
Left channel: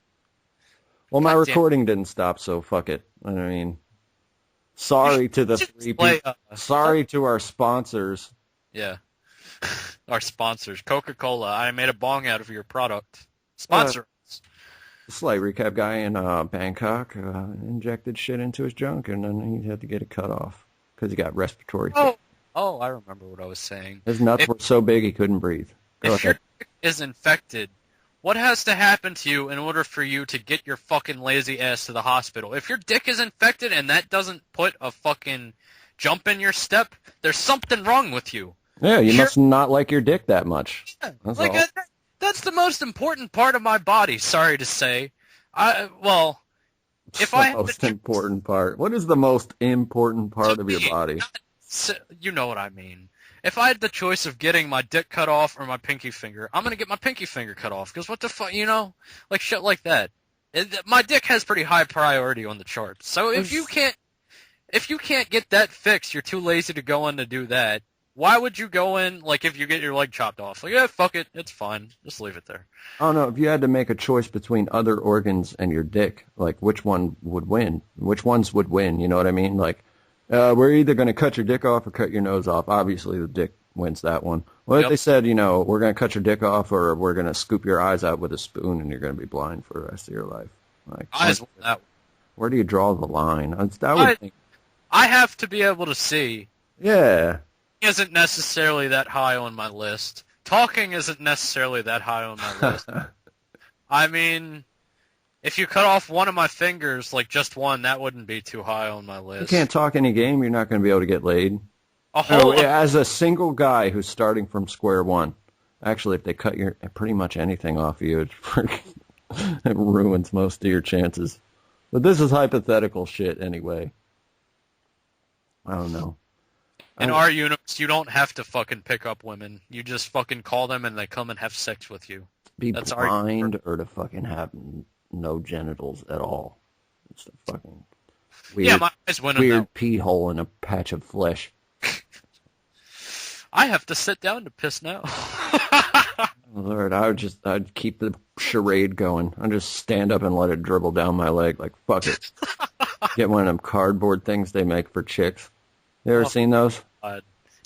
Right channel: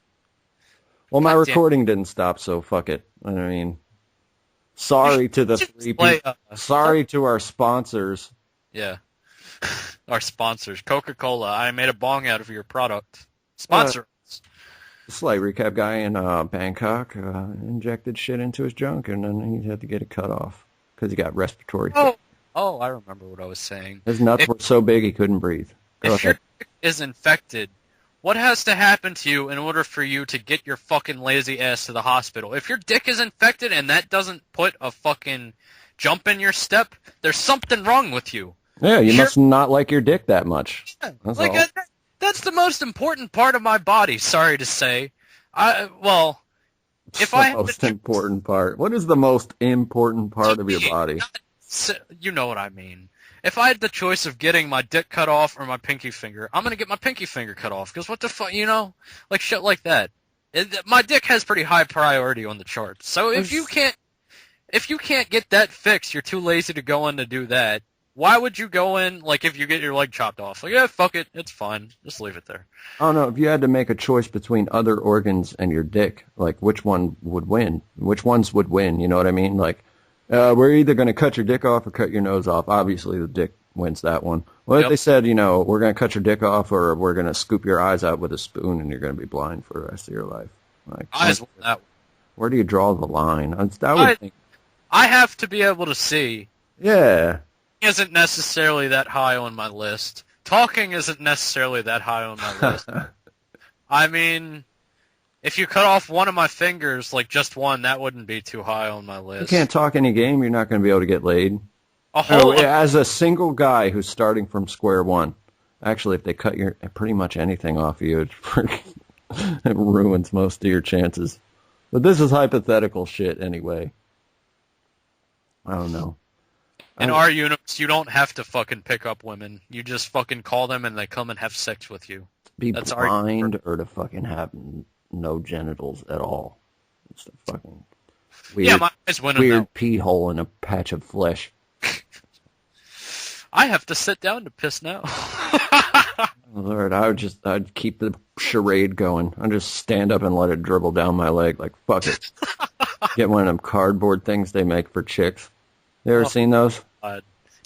Well, my recording didn't stop, so fuck it. I mean, sorry to the 3 people. Sorry to our sponsors. Yeah. Our sponsors. Coca-Cola. I made a bong out of your product. Sponsor. Slight recap: guy in Bangkok injected shit into his junk, and then he had to get it cut off because he got respiratory. Oh, I remember what I was saying. His nuts were so big he couldn't breathe. If your dick is infected, what has to happen to you in order for you to get your fucking lazy ass to the hospital? If your dick is infected and that doesn't put a fucking jump in your step, there's something wrong with you. Yeah, you must not like your dick that much. Yeah, that's all. That's the most important part of my body, sorry to say. If the most important part. What is the most important part of your body? You know what I mean. If I had the choice of getting my dick cut off or my pinky finger, I'm going to get my pinky finger cut off. Because what the fuck, like shit like that. My dick has pretty high priority on the charts. So if you can't get that fixed, you're too lazy to go in to do that. Why would you go in, like, if you get your leg chopped off? Like, yeah, fuck it. It's fine. Just leave it there. I don't know. If you had to make a choice between other organs and your dick, like, which one would win? Which ones would win? You know what I mean? Like, we're either going to cut your dick off or cut your nose off. Obviously, the dick wins that one. What if they said, we're going to cut your dick off or we're going to scoop your eyes out with a spoon and you're going to be blind for the rest of your life? Like, where do you draw the line? I have to be able to see. Yeah. Isn't necessarily that high on my list. Talking isn't necessarily that high on my list. I mean, If you cut off one of my fingers, like just one, that wouldn't be too high on my list. You can't talk any game, you're not going to be able to get laid. As a single guy who's starting from square one, actually, if they cut pretty much anything off of you, it ruins most of your chances. But this is hypothetical shit anyway. I don't know. In our universe, you don't have to fucking pick up women. You just fucking call them and they come and have sex with you. That's blind or to fucking have no genitals at all. It's a fucking weird pee hole in a patch of flesh. I have to sit down to piss now. Lord, I'd keep the charade going. I'd just stand up and let it dribble down my leg like, fuck it. Get one of them cardboard things they make for chicks. You ever seen those?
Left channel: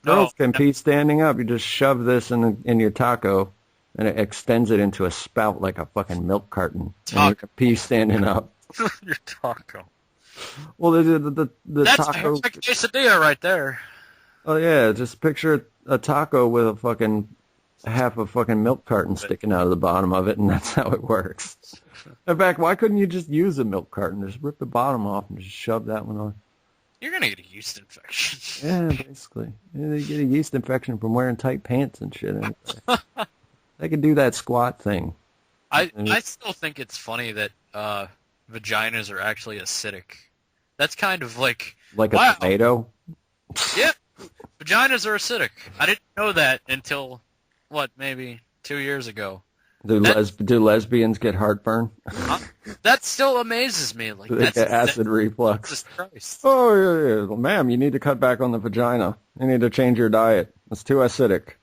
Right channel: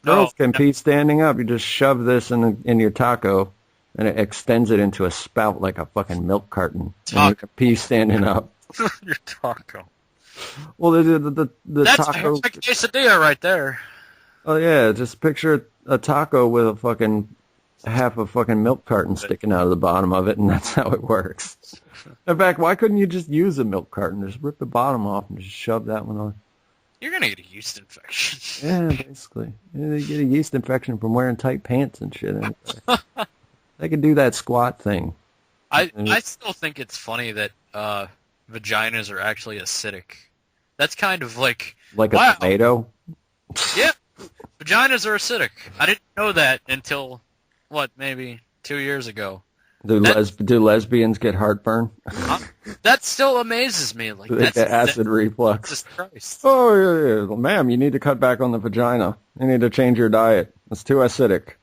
Girls can pee standing up. You just shove this in your taco, and it extends it into a spout like a fucking milk carton. And you can pee standing up. Your taco. Well, the That's taco... That's like a quesadilla right there. Oh, yeah, just picture a taco with a fucking half a fucking milk carton sticking out of the bottom of it, and that's how it works. In fact, why couldn't you just use a milk carton? Just rip the bottom off and just shove that one on. You're going to get a yeast infection. Yeah, basically. You get a yeast infection from wearing tight pants and shit. They could do that squat thing. I still think it's funny that vaginas are actually acidic. That's kind of like... Like a tomato? Yeah. Vaginas are acidic. I didn't know that until, maybe 2 years ago. Do lesbians get heartburn? That still amazes me. Like, they get acid reflux. Jesus Christ. Oh, yeah. Well, ma'am, you need to cut back on the vagina. You need to change your diet. It's too acidic.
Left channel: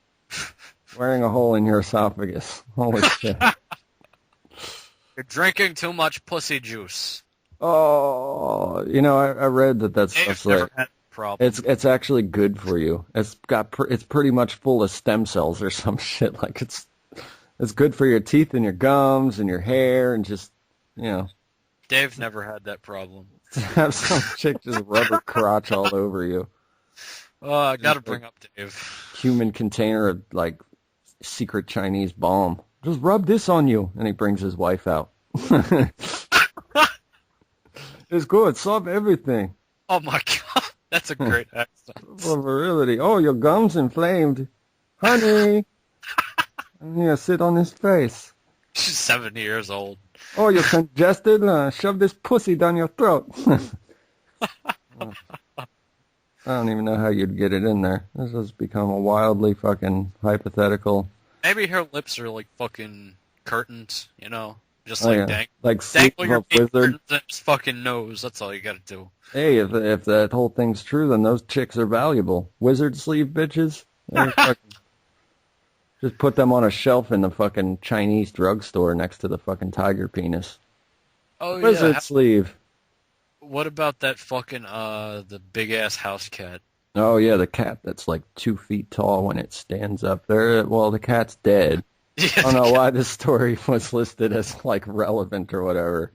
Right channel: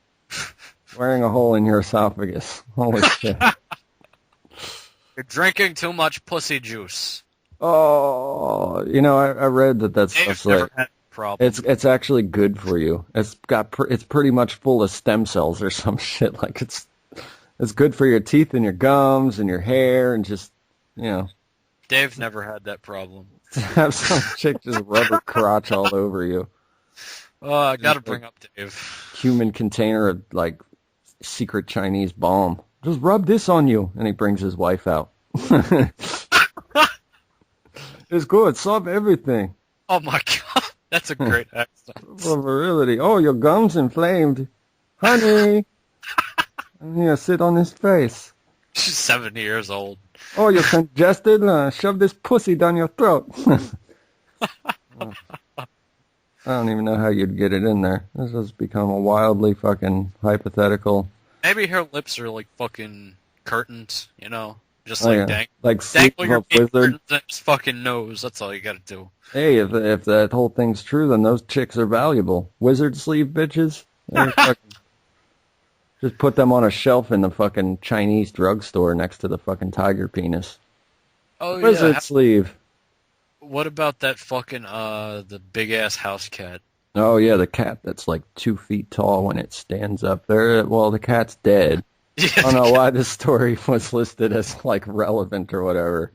Wearing a hole in your esophagus. Holy shit. You're drinking too much pussy juice. Oh, I read that's it's actually good for you. It's pretty much full of stem cells or some shit. Like it's good for your teeth and your gums and your hair and just, Dave never had that problem. Have some chick just rub her crotch all over you. Oh, I gotta bring up Dave. Human container of, secret Chinese bomb. Just rub this on you. And he brings his wife out. It's good. Solve everything. Oh, my God. That's a great accent. Virility. Oh, your gum's inflamed. Honey. I'm going to sit on his face. She's 70 years old. Oh, you're congested? Shove this pussy down your throat. I don't even know how you'd get it in there. This has become a wildly fucking hypothetical. Maybe her lips are like fucking curtains, Just dangling your wizard in his fucking nose. That's all you gotta do. Hey, if that whole thing's true, then those chicks are valuable. Wizard sleeve bitches? Just put them on a shelf in the fucking Chinese drugstore next to the fucking tiger penis. Oh, Wizard sleeve. What about that fucking, the big-ass house cat? Oh, yeah, the cat that's 2 feet tall when it stands up there. Well, the cat's dead. Yeah, I don't know why this story was listed as, relevant or whatever.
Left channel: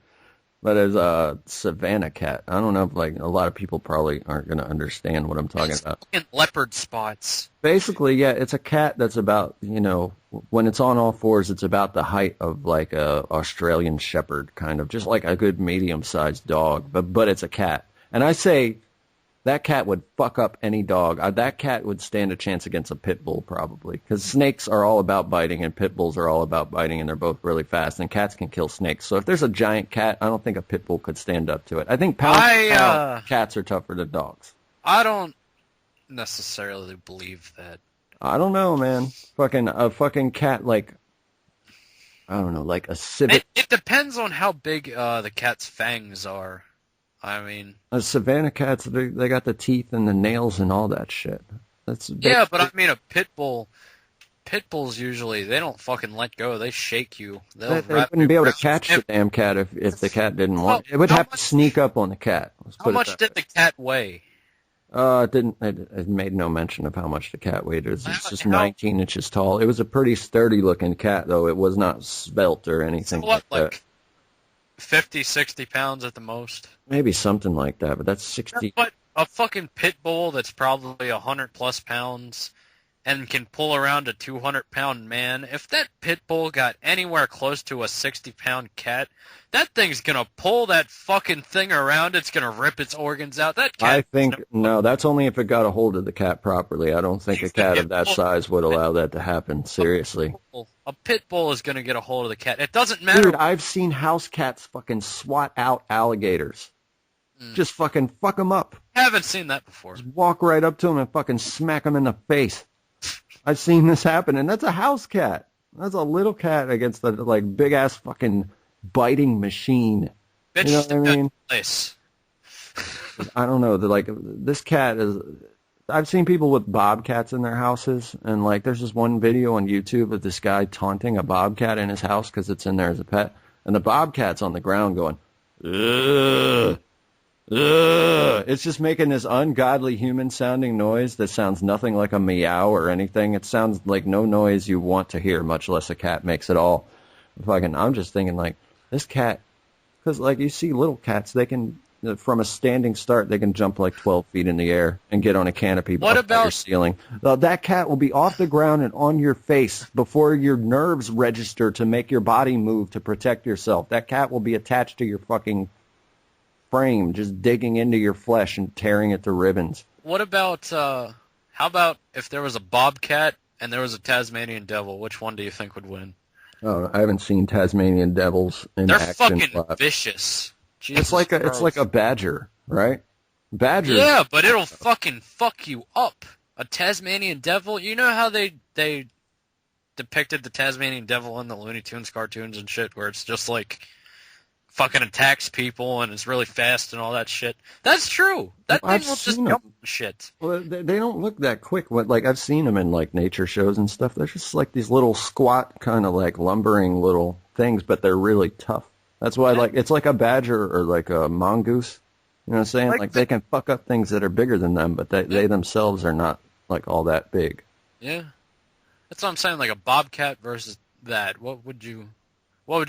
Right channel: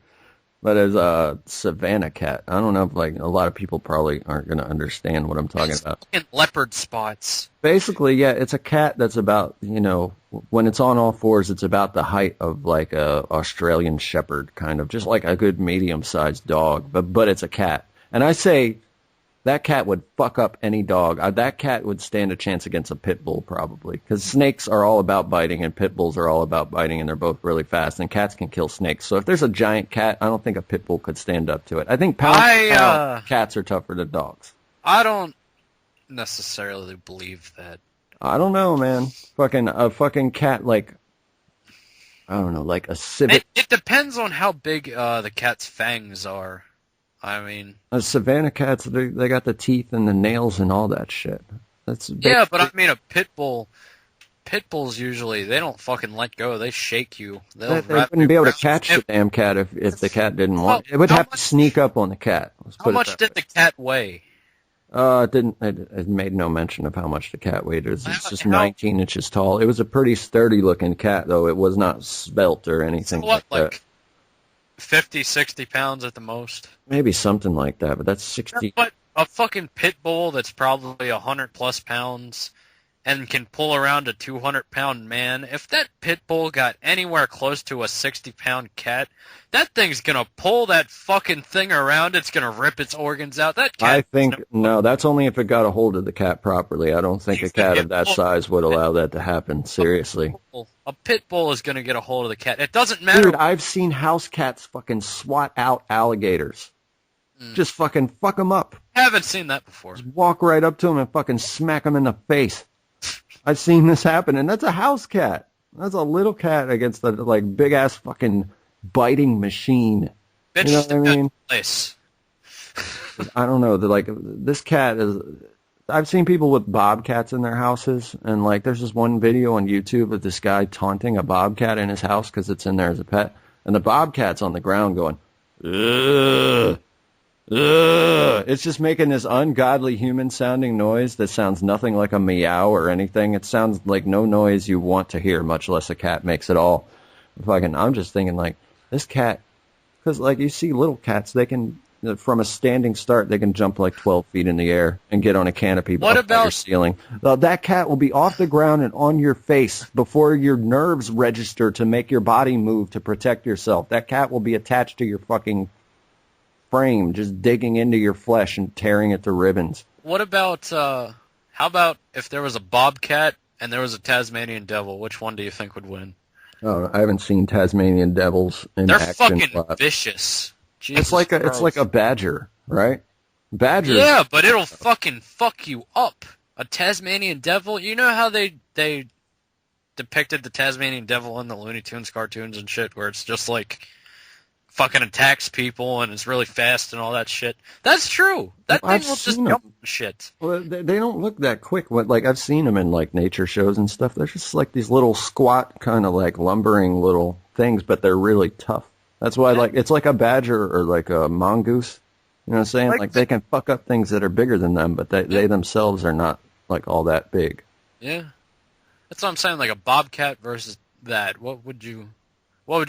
But as a savanna cat. I don't know if, a lot of people probably aren't going to understand what I'm talking about. Fucking leopard spots. Basically, yeah, it's a cat that's about, when it's on all fours, it's about the height of, a Australian shepherd, kind of. Just like a good medium-sized dog. But it's a cat. And I say... that cat would fuck up any dog. That cat would stand a chance against a pit bull, probably. Because snakes are all about biting, and pit bulls are all about biting, and they're both really fast. And cats can kill snakes. So if there's a giant cat, I don't think a pit bull could stand up to it. I think cats are tougher than dogs. I don't necessarily believe that. I don't know, man. A fucking cat, I don't know, a civet. It depends on how big the cat's fangs are. I mean... Savannah cats, they got the teeth and the nails and all that shit. Yeah, but I mean a pit bull... Pit bulls usually, they don't fucking let go. They shake you. They wouldn't be able to catch the damn cat if the cat didn't want it. It would have to sneak up on the cat. How much did the cat weigh? It made no mention of how much the cat weighed. It's just 19 inches tall. It was a pretty sturdy-looking cat, though. It was not svelte or anything like that. 50, 60 pounds at the most? Maybe something like that, but that's 60. But a fucking pit bull that's probably 100 plus pounds and can pull around a 200-pound man, if that pit bull got anywhere close to a 60-pound cat, that thing's going to pull that fucking thing around. It's going to rip its organs out. That cat. I think, no, that's only if it got a hold of the cat properly. I don't think a cat of that size would allow that to happen. Seriously. A pit bull is going to get a hold of the cat. It doesn't matter. Dude, I've seen house cats fucking swat out alligators. Just fucking fuck them up. I haven't seen that before. Just walk right up to them and fucking smack them in the face. I've seen this happen, and that's a house cat. That's a little cat against the like big ass fucking biting machine. Bitch, you know what I mean? Place. I don't know. Like this cat is. I've seen people with bobcats in their houses, and like there's this one video on YouTube of this guy taunting a bobcat in his house because it's in there as a pet, and the bobcat's on the ground going, ugh. Ugh. It's just making this ungodly human-sounding noise that sounds nothing like a meow or anything. It sounds like no noise you want to hear, much less a cat makes at all. I'm just thinking, like, this cat, because, like, you see little cats, they can, from a standing start, they can jump like 12 feet in the air and get on a canopy above your ceiling. That cat will be off the ground and on your face before your nerves register to make your body move to protect yourself. That cat will be attached to your fucking frame, just digging into your flesh and tearing it to ribbons. What about, how about if there was a bobcat and there was a Tasmanian devil? Which one do you think would win? Oh, I haven't seen Tasmanian devils in They're action. They're fucking vicious. Jesus it's like a badger, right? Badger. Yeah, but it'll fucking fuck you up. A Tasmanian devil, you know how they depicted the Tasmanian devil in the Looney Tunes cartoons and shit, where it's just like fucking attacks people and is really fast and all that shit. That's true. That thing will just jump shit. Well, they don't look that quick. Like I've seen them in like nature shows and stuff. They're just like these little squat kind of like lumbering little things, but they're really tough. That's why it's like a badger or like a mongoose. You know what I'm saying? Like they can fuck up things that are bigger than them, but they themselves are not like all that big. Yeah. That's what I'm saying, like a bobcat versus that. What would you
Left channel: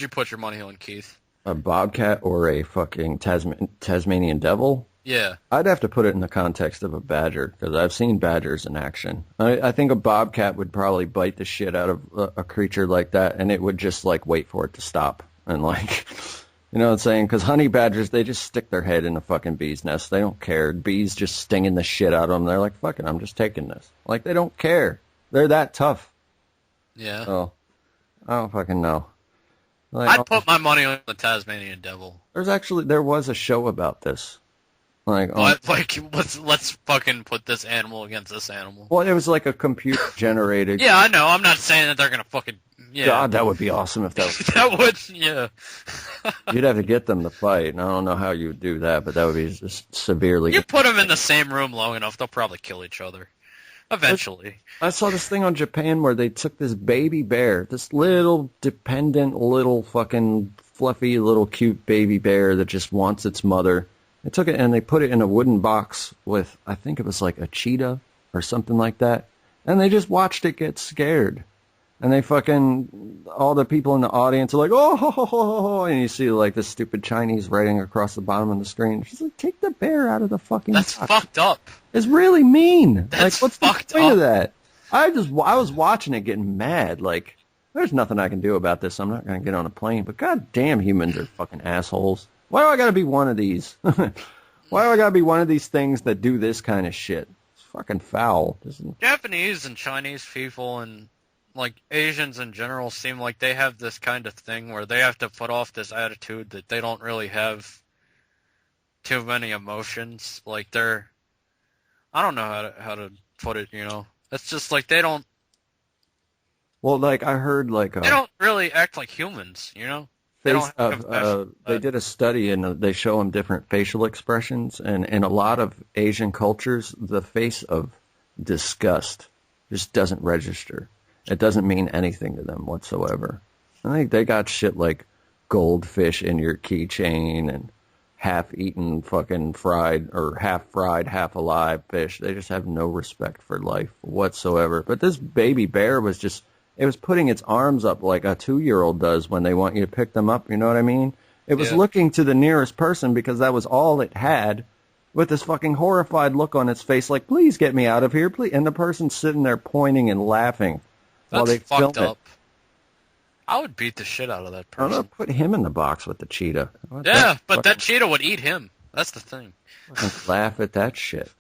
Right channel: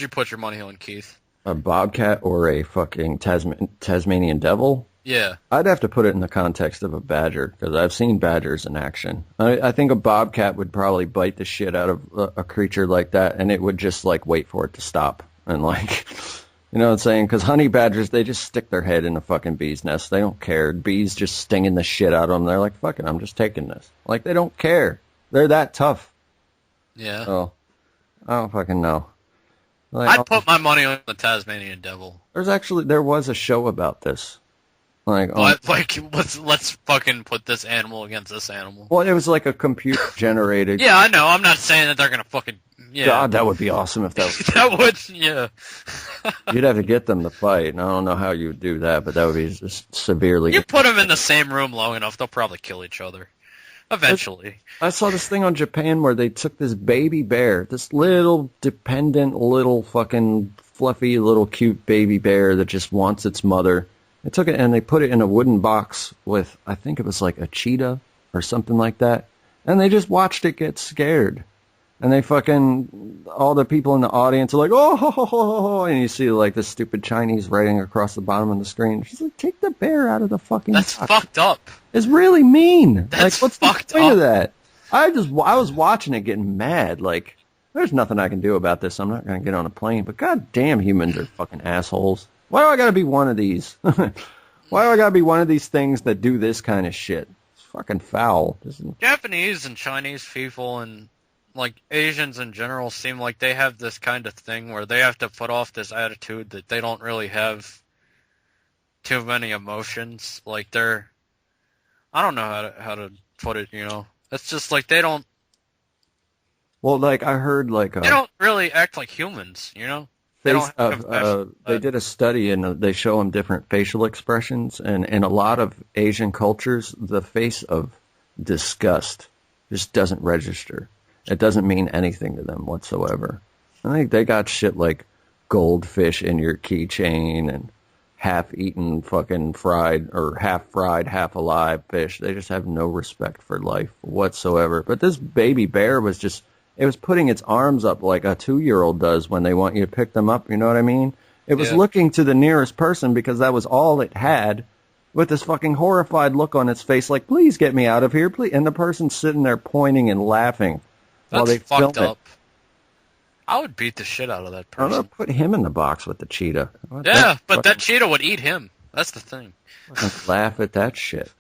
put your money on, Keith? A bobcat or a fucking Tasmanian devil? Yeah. I'd have to put it in the context of a badger, because I've seen badgers in action. I think a bobcat would probably bite the shit out of a creature like that, and it would just, like, wait for it to stop. And, like, you know what I'm saying? Because honey badgers, they just stick their head in a fucking bee's nest. They don't care. Bees just stinging the shit out of them. They're like, fuck it, I'm just taking this. Like, they don't care. They're that tough. Yeah. So, I don't fucking know. Like, I'd put my money on the Tasmanian devil. There was a show about this. Let's fucking put this animal against this animal. Well, it was like a computer generated. Yeah, I know. I'm not saying that they're gonna fucking. Yeah. God, that would be awesome if that was. That would, yeah. You'd have to get them to fight, and I don't know how you would do that, but that would be just severely. You put them in the same room long enough, they'll probably kill each other. Eventually. I saw this thing on Japan where they took this baby bear, this little dependent, little fucking fluffy, little cute baby bear that just wants its mother. They took it and they put it in a wooden box with, I think it was like a cheetah or something like that, and they just watched it get scared. And they fucking, all the people in the audience are like, oh, ho, ho, ho, ho, and you see like this stupid Chinese writing across the bottom of the screen. She's like, take the bear out of the fucking That's box. fucked up. It's really mean. That's like, what's fucked the point up. of that? I was watching it getting mad. Like, there's nothing I can do about this. I'm not going to get on a plane. But goddamn, humans are fucking assholes. Why do I got to be one of these? Why do I got to be one of these things that do this kind of shit? It's fucking foul. Japanese and Chinese people and like Asians in general seem like they have this kind of thing where they have to put off this attitude that they don't really have too many emotions. Like I don't know how to put it, you know. It's just like they don't. Well, like I heard, like they don't really act like humans, you know. They did a study and they show them different facial expressions, and in a lot of Asian cultures, the face of disgust just doesn't register. It doesn't mean anything to them whatsoever. I think they got shit like goldfish in your keychain and half-eaten fucking fried or half-fried, half-alive fish. They just have no respect for life whatsoever. But this baby bear was just, it was putting its arms up like a 2-year-old does when they want you to pick them up, you know what I mean? It was looking to the nearest person because that was all it had with this fucking horrified look on its face, like, please get me out of here, please. And the person's sitting there pointing and laughing while they film fucked it. up. I would beat the shit out of that I don't know, person. put him in the box with the cheetah. Yeah, but that cheetah would eat him. That's the thing. Laugh at that shit.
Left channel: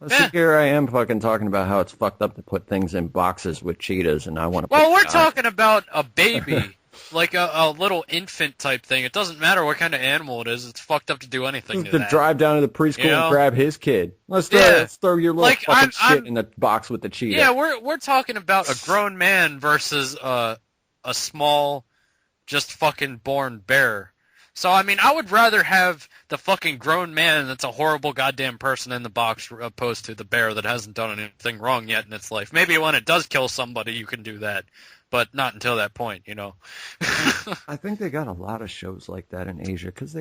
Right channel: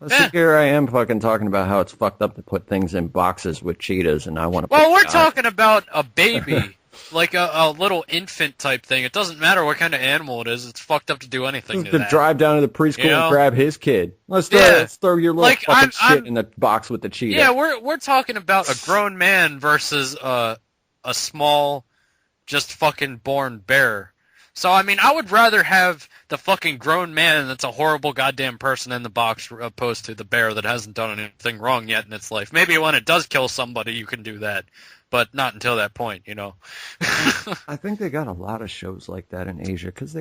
Yeah. See, here I am fucking talking about how it's fucked up to put things in boxes with cheetahs, and I want to put... Well, we're talking about a baby, like a little infant type thing. It doesn't matter what kind of animal it is. It's fucked up to do anything to that. drive down to the preschool You know? and grab his kid. Let's throw your little Like, fucking shit in the box with the cheetah. Yeah, we're talking about a grown man versus a small, just fucking born bear. So, I mean, I would rather have the fucking grown man that's a horrible goddamn person in the box opposed to the bear that hasn't done anything wrong yet in its life. Maybe when it does kill somebody, you can do that. But not until that point, you know. I think they got a lot of shows like that in Asia, because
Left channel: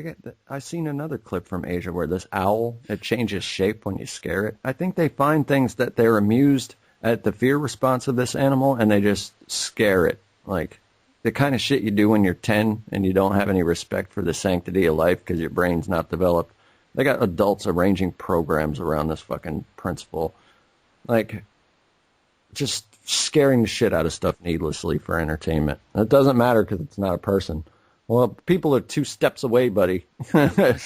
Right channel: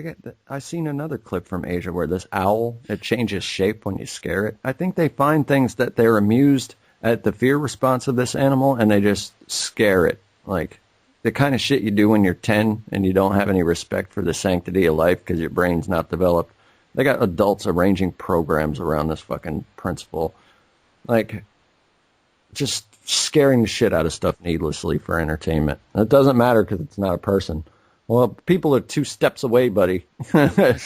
I seen another clip from Asia where this owl, it changes shape when you scare it. I think they find things that they're amused at the fear response of this animal, and they just scare it. Like, the kind of shit you do when you're 10 and you don't have any respect for the sanctity of life because your brain's not developed. They got adults arranging programs around this fucking principle. Like, just scaring the shit out of stuff needlessly for entertainment. And it doesn't matter because it's not a person. Well, people are 2 steps away, buddy. Like,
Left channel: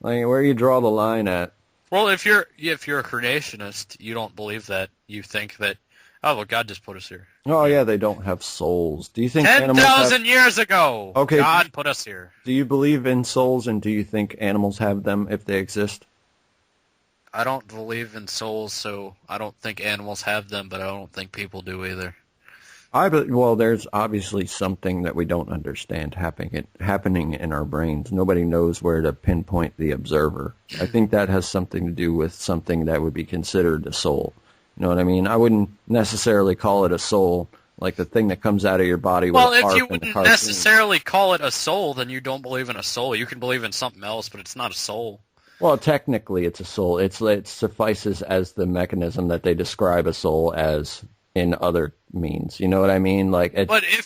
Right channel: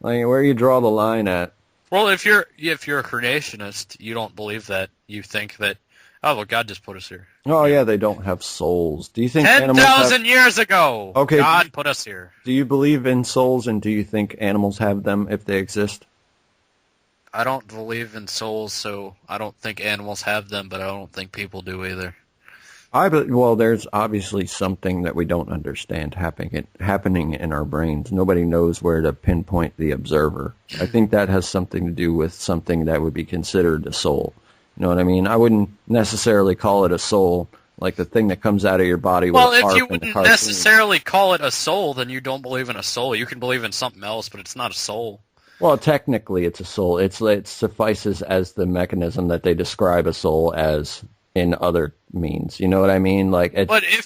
where you draw the line at? Well, if you're a creationist, you don't believe that. You think that, oh, well, God just put us here. Oh, yeah, they don't have souls. Do you think animals 10,000 years ago, Okay, God put us here. Do you believe in souls, and do you think animals have them if they exist? I don't believe in souls, so I don't think animals have them, but I don't think people do either. Well, there's obviously something that we don't understand happening in our brains. Nobody knows where to pinpoint the observer. I think that has something to do with something that would be considered a soul. You know what I mean? I wouldn't necessarily call it a soul, like the thing that comes out of your body with a if harp you and a wouldn't cartoon. necessarily call it a soul, then you don't believe in a soul. You can believe in something else, but it's not a soul. Well, technically, it's a soul. It suffices as the mechanism that they describe a soul as in other means. You know what I mean? Like,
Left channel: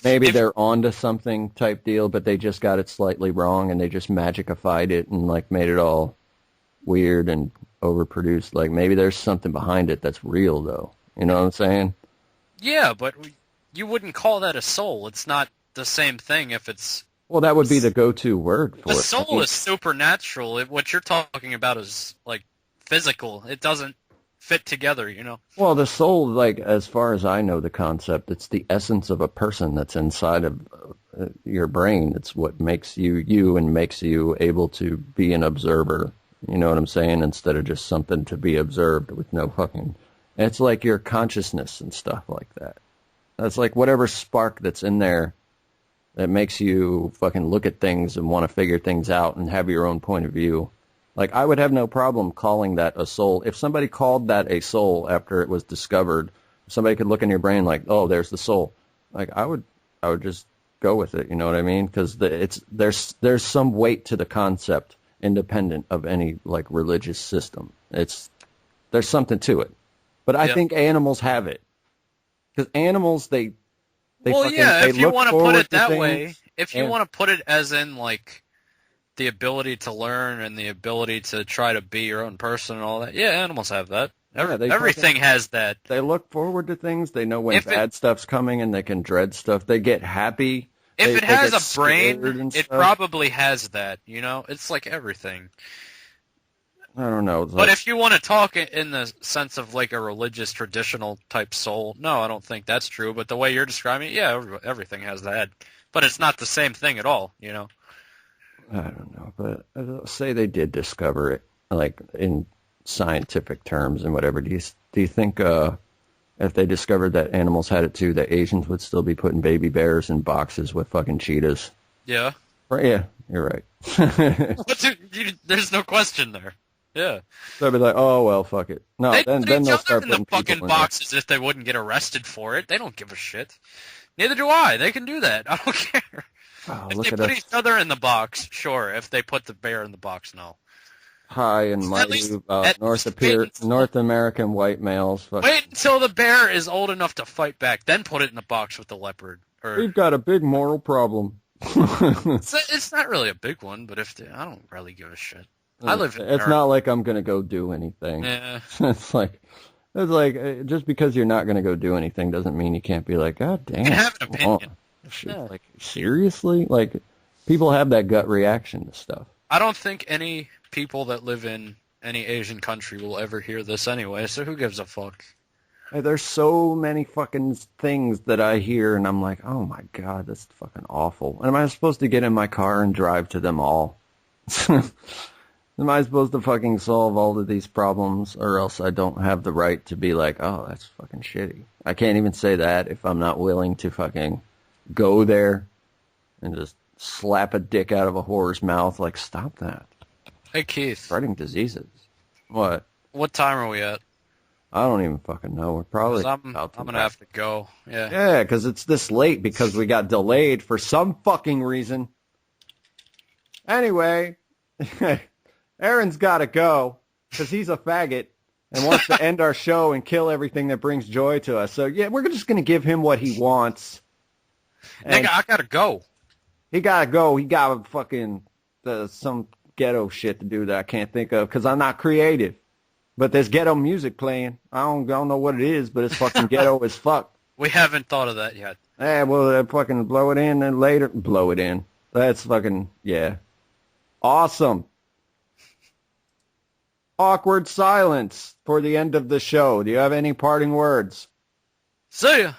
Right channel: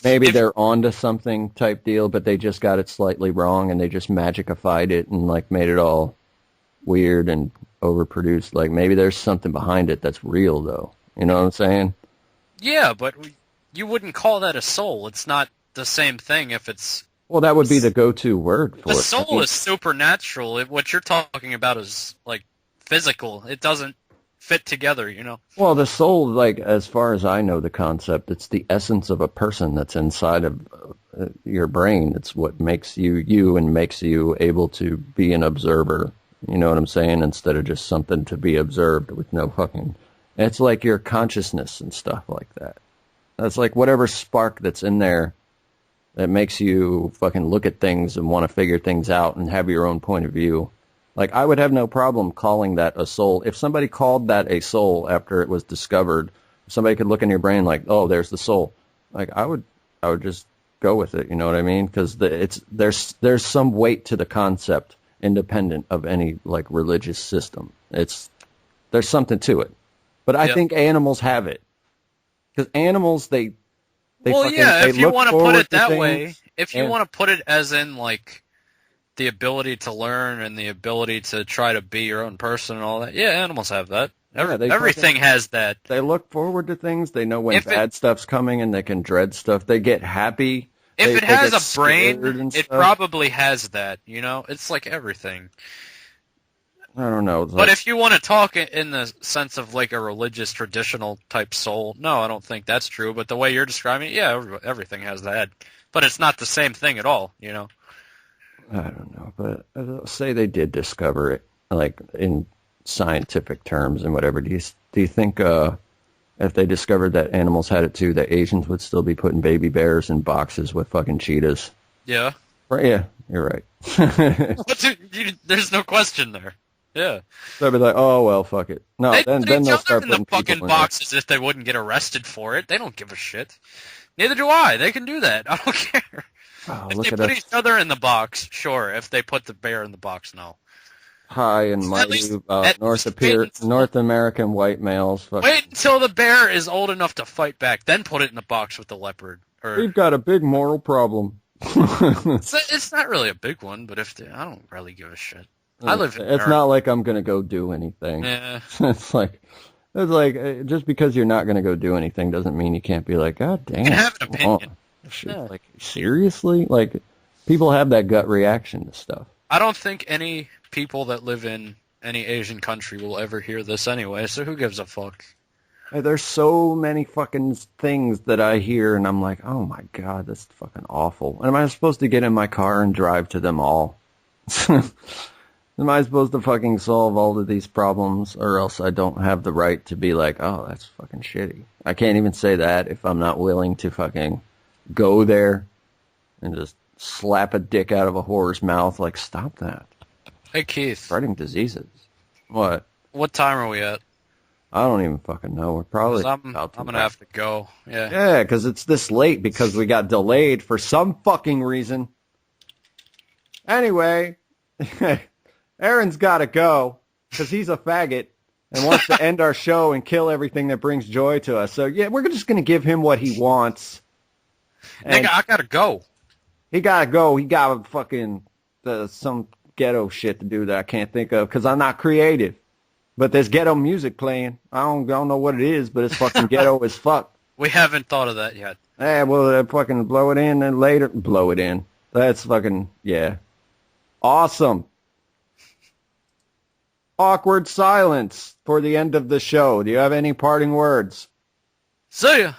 maybe they're onto something type deal, but they just got it slightly wrong, and they just magicified it and like made it all weird and overproduced. Like, maybe there's something behind it that's real, though. You know what I'm saying? Yeah, but you wouldn't call that a soul. It's not the same thing if it's... Well, that would be the go-to word for a it. soul is supernatural. What you're talking about is, like, physical. It doesn't fit together, you know? Well, the soul, like, as far as I know the concept, it's the essence of a person that's inside of your brain. It's what makes you you and makes you able to be an observer. You know what I'm saying? Instead of just something to be observed with no fucking... It's like your consciousness and stuff like that. That's like whatever spark that's in there that makes you fucking look at things and want to figure things out and have your own point of view. Like, I would have no problem calling that a soul. If somebody called that a soul after it was discovered, somebody could look in your brain like, oh, there's the soul. Like, I would just go with it, you know what I mean? Because there's some weight to the concept independent of any, like, religious system. There's something to it. But I think animals have it. Because animals, if you want to put it that way, if you want to put it as in, like, the ability to learn and the ability to try to be your own person and all that, yeah, animals have that. Everything has that. They look forward to things. They know when bad stuff's coming, and they can dread stuff. They get happy. If it has a brain, it probably has that, you know? It's like everything. I don't know. But if you want to talk in the sense of like a religious, traditional type soul, no, I don't think that's true. But the way you're describing it, yeah, everything has that. But it's not the same thing at all, you know? I don't know. But say they did discover it, like in scientific terms and whatever. Do you think if they discovered that animals had it too, that Asians would still be putting baby bears in boxes with fucking cheetahs? Yeah. Right, yeah, you're right. There's no question there. Yeah. They'll be like, oh, well, fuck it. No, then they'll start in the fucking boxes if they wouldn't get arrested for it. They don't give a shit. Neither do I. They can do that. I don't care. Oh, if they put each other in the box, sure. If they put the bear in the box, no. High and mighty North American white males. Wait until the bear is old enough to fight back, then put it in the box with the leopard. We've got a big moral problem. It's not really a big one, but I don't really give a shit. I live in It's America. not like I'm going to go do anything. Yeah. It's like just because you're not going to go do anything doesn't mean you can't be like, God damn. You can have an opinion. Yeah. Like, seriously? Like, people have that gut reaction to stuff. I don't think any people that live in any Asian country will ever hear this anyway, so who gives a fuck? There's so many fucking things that I hear, and I'm like, oh my God, that's fucking awful. And am I supposed to get in my car and drive to them all? Am I supposed to fucking solve all of these problems, or else I don't have the right to be like, oh, that's fucking shitty. I can't even say that if I'm not willing to fucking go there and just slap a dick out of a whore's mouth. Like, stop that. Hey, Keith. Spreading diseases. What? What time are we at? I don't even fucking know. We're probably I'm going to have to go. Yeah. Yeah, because it's this late because we got delayed for some fucking reason. Anyway, Aaron's got to go because he's a faggot and wants to end our show and kill everything that brings joy to us. So, yeah, we're just going to give him what he wants. And Nigga, I got to go. he got to go. He got fucking some ghetto shit to do that I can't think of because I'm not creative. But there's ghetto music playing. I don't know what it is, but it's fucking ghetto as fuck. We haven't thought of that yet. Yeah, well, fucking blow it in and later. Blow it in. That's fucking, yeah. Awesome. Awkward silence for the end of the show. Do you have any parting words? See ya.